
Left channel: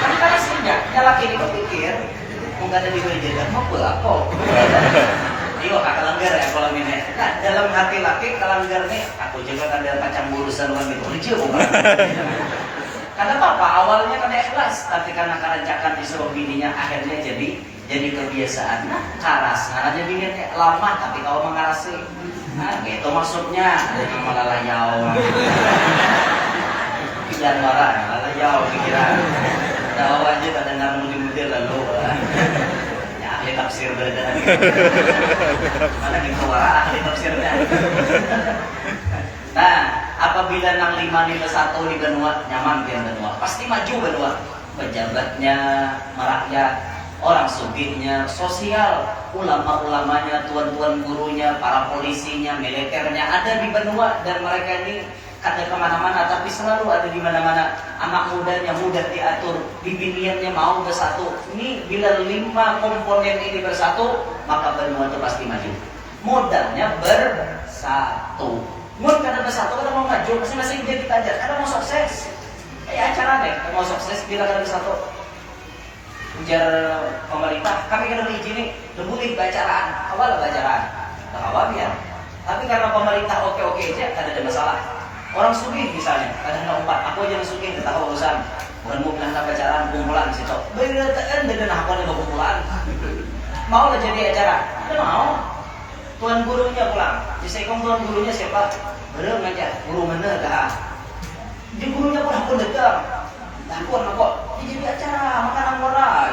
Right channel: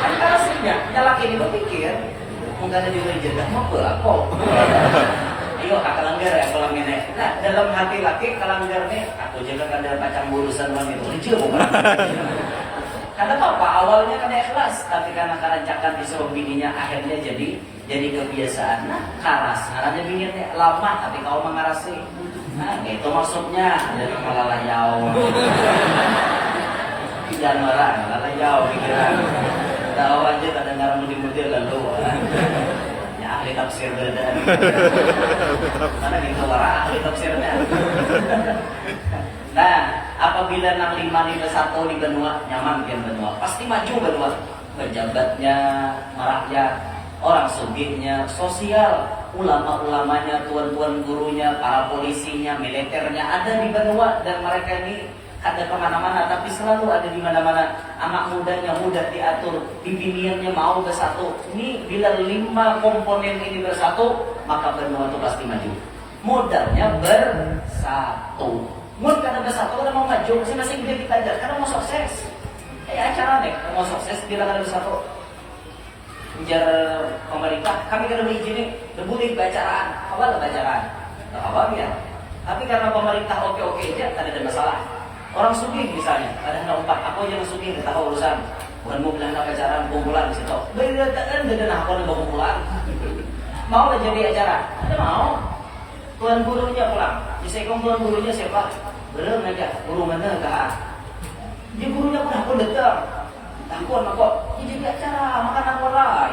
Kan karasinya, yang laki ini berpikir, mau kada diberi jatah, mau apa? Ayo, kelanggar ya kalau ini. Nah, dalam hati laki kelanggar nih, aku juga kada macam urusan orang itu. Rijil karena apa? Awalnya kan ikhlas, tapi karena kerancakan disuruh bininya akhirnya jadi kebiasaan. Nah, karas. Karena bininya lama, tapi kau mengarasi. Nah, itu maksudnya. Ada yang malalayau. Jangan marah, malalayau pikiran. Tahu aja tak dengar mudir-mudir lalu. Ya ahli tafsir berada. Mana gitu marah ahli tafsirnya. Nah, apabila nang 5 di 1 di benua nyaman di benua, pasti maju benua. Pejabatnya, merakyat, orang sugihnya, sosial, ulama-ulamanya, tuan-tuan gurunya, para polisinya, militernya ada di benua dan mereka ini kada kemana-mana tapi selalu ada di mana-mana. Anak mudanya mudah diatur, bibiniannya mau bersatu. Ini bila 5 komponen ini bersatu, maka benua itu pasti maju. Modalnya bersatu. Mun kada bersatu kada mau maju, masing-masing dia kita aja. Kada mau sukses. Acara deh, kada mau sukses bila kada bersatu. Ujar pemerintah, kami kada diizini, boleh bacaraan. Awal bacaraan. Awal ya. Tapi karena pemerintah oke-oke aja, kada ada masalah. Orang sugih misalnya, kada hendak umpat, aku aja sugih, tidak tahu urusan. Bukan mau bilang bacaraan, kumpulan di situ. Beritaan dan aku ada kumpulan. Mau lah jadi acara? Kada mau. Tuan gurunya pulang. Disekong tuan gurunya siapa? Berem aja. Guru mana dah? Di gurunya pun aku datang. Takut aku. Jadi acara makan aku lah.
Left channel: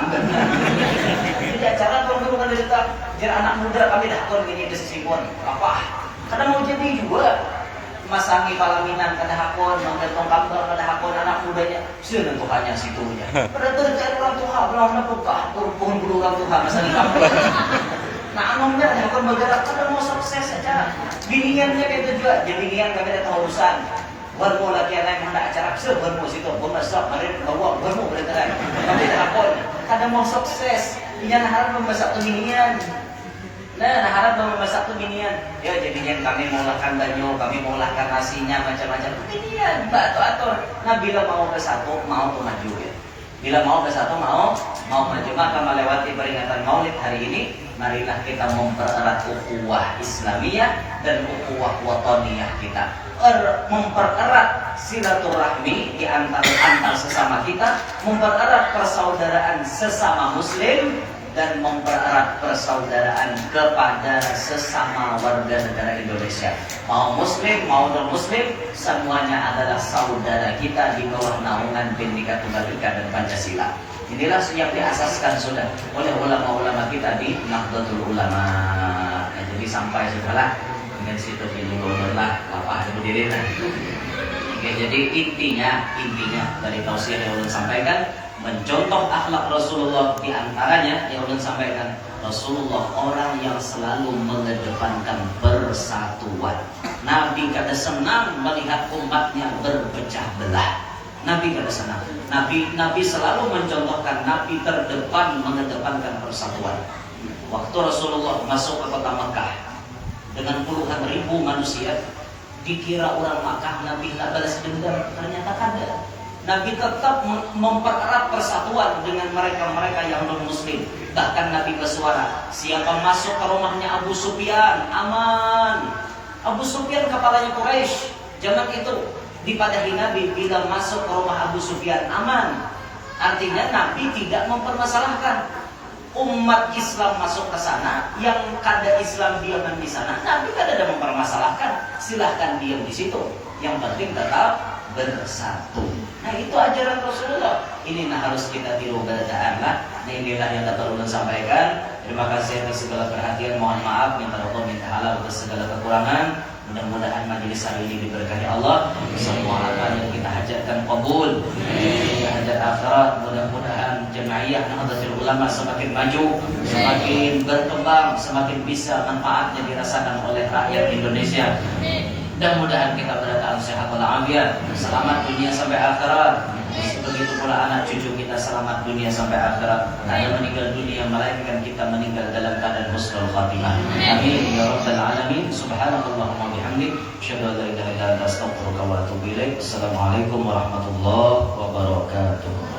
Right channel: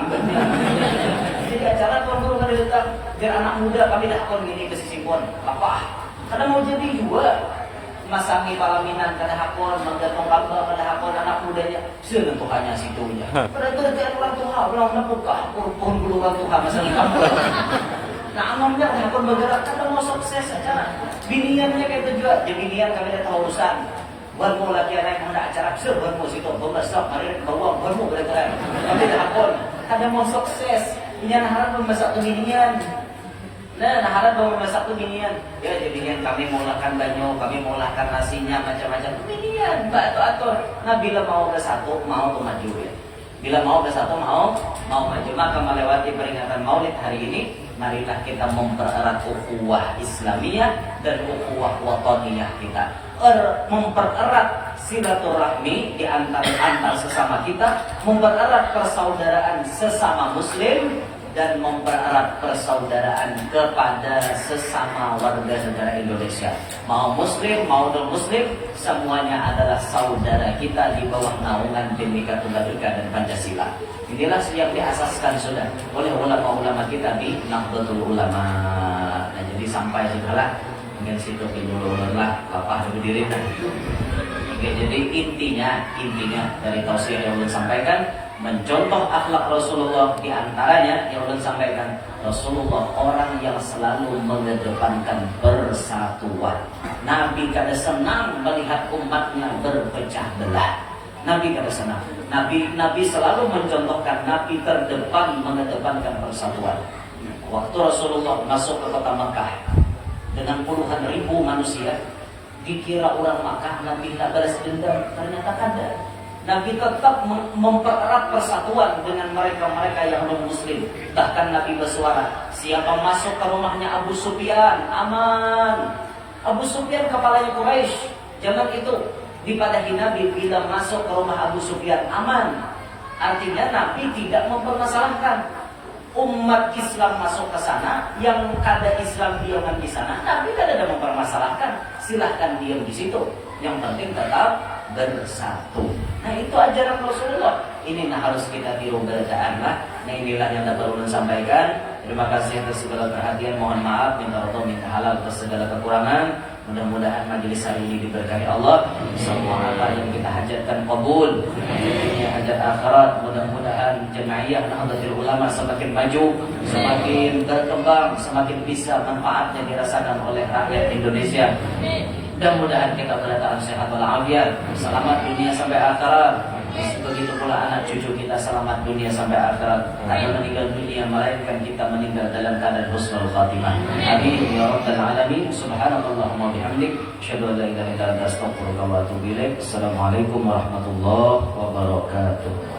Jadi acara tuan guru kan datang. Biar anak muda kami dah kon ini kesisimpun. Apa? Karena mau jadi juga. Masangi palaminan kada hakon, mangdatong kambal kada hakon anak mudanya. Sudah Tuhannya situ ya. Pada terjadi orang tua, belum napukah pohon bulu orang tua masa di kampung. Nah, anomnya hakon bergerak kada mau sukses aja. Biniannya kayak itu juga. Jadi binian kami dah tahu urusan. Buat mau lagi anak yang hendak acara besar, buat mau situ, buat masak, mari bawa, buat mau bergerak. Kami dah hakon. Kada ada mau sukses, inya harap memasak tuh ginian. Nah, harap memasak tuh ginian. Ya jadinya kami mengolahkan banyo, kami mengolahkan nasinya macam-macam. Ginian, mbak atur. Nah, bila mau bersatu, mau tuh maju ya. Bila mau bersatu, mau maju. Maka melewati peringatan Maulid hari ini, marilah kita mempererat ukhuwah Islamiyah dan ukhuwah wataniyah kita. Mempererat silaturahmi di antar sesama kita, mempererat persaudaraan sesama muslim, dan mempererat persaudaraan kepada sesama warga negara Indonesia. Mau muslim, mau non-muslim, semuanya adalah saudara kita di bawah naungan Bhinneka Tunggal Ika dan Pancasila. Inilah yang diasaskan sudah oleh ulama-ulama kita di Nahdlatul Ulama. Nah, jadi sampai sudahlah dengan situ pinjulullah lapah berdiri. Oke, jadi intinya dari tausiah yang ulun sampaikan, mencontoh akhlak Rasulullah, di antaranya yang ulun sampaikan, Rasulullah orang yang selalu mengedepankan persatuan. Nabi kada senang melihat umatnya berpecah belah. Nabi kada senang. Nabi selalu mencontohkan, Nabi terdepan mengedepankan persatuan. Waktu Rasulullah masuk ke kota Mekah dengan puluhan ribu manusia, dikira orang Makkah Nabi tak balas dendam, ternyata kada. Nabi tetap mempererat persatuan dengan mereka-mereka yang non-muslim. Bahkan Nabi bersuara, siapa masuk ke rumahnya Abu Sufyan, aman. Abu Sufyan kepalanya Quraisy. Zaman itu dipadahi Nabi, bila masuk ke rumah Abu Sufyan, aman. Artinya Nabi tidak mempermasalahkan. Umat Islam masuk ke sana, yang kada Islam diam di sana, Nabi kada ada mempermasalahkan. Silahkan diam di situ. Yang penting tetap bersatu. Nah, itu ajaran Rasulullah. Ini harus kita tiru berdaan lah. Nah, inilah yang dapat ulun sampaikan. Terima kasih atas segala perhatian. Mohon maaf, minta roto, minta halal atas segala kekurangan. Mudah-mudahan majelis hari ini diberkahi Allah. Semua apa yang kita hajatkan qabul, dunia hajat akhirat. Mudah-mudahan jemaiyah Nahdlatul Ulama semakin maju, semakin berkembang, semakin bisa manfaatnya dirasakan oleh rakyat Indonesia. Mudah-mudahan kita berdataan sehat walafiat, selamat dunia sampai akhirat. Begitu pula anak cucu kita selamat dunia sampai akhirat. Hanya meninggal dunia, melainkan kita meninggal dalam keadaan husnul khatimah. Amin ya rabbal alamin. Subhanakallahumma bihamdik, asyhadu an la ilaha illa anta, astaghfiruka wa atubu ilaik. Assalamualaikum warahmatullahi wabarakatuh.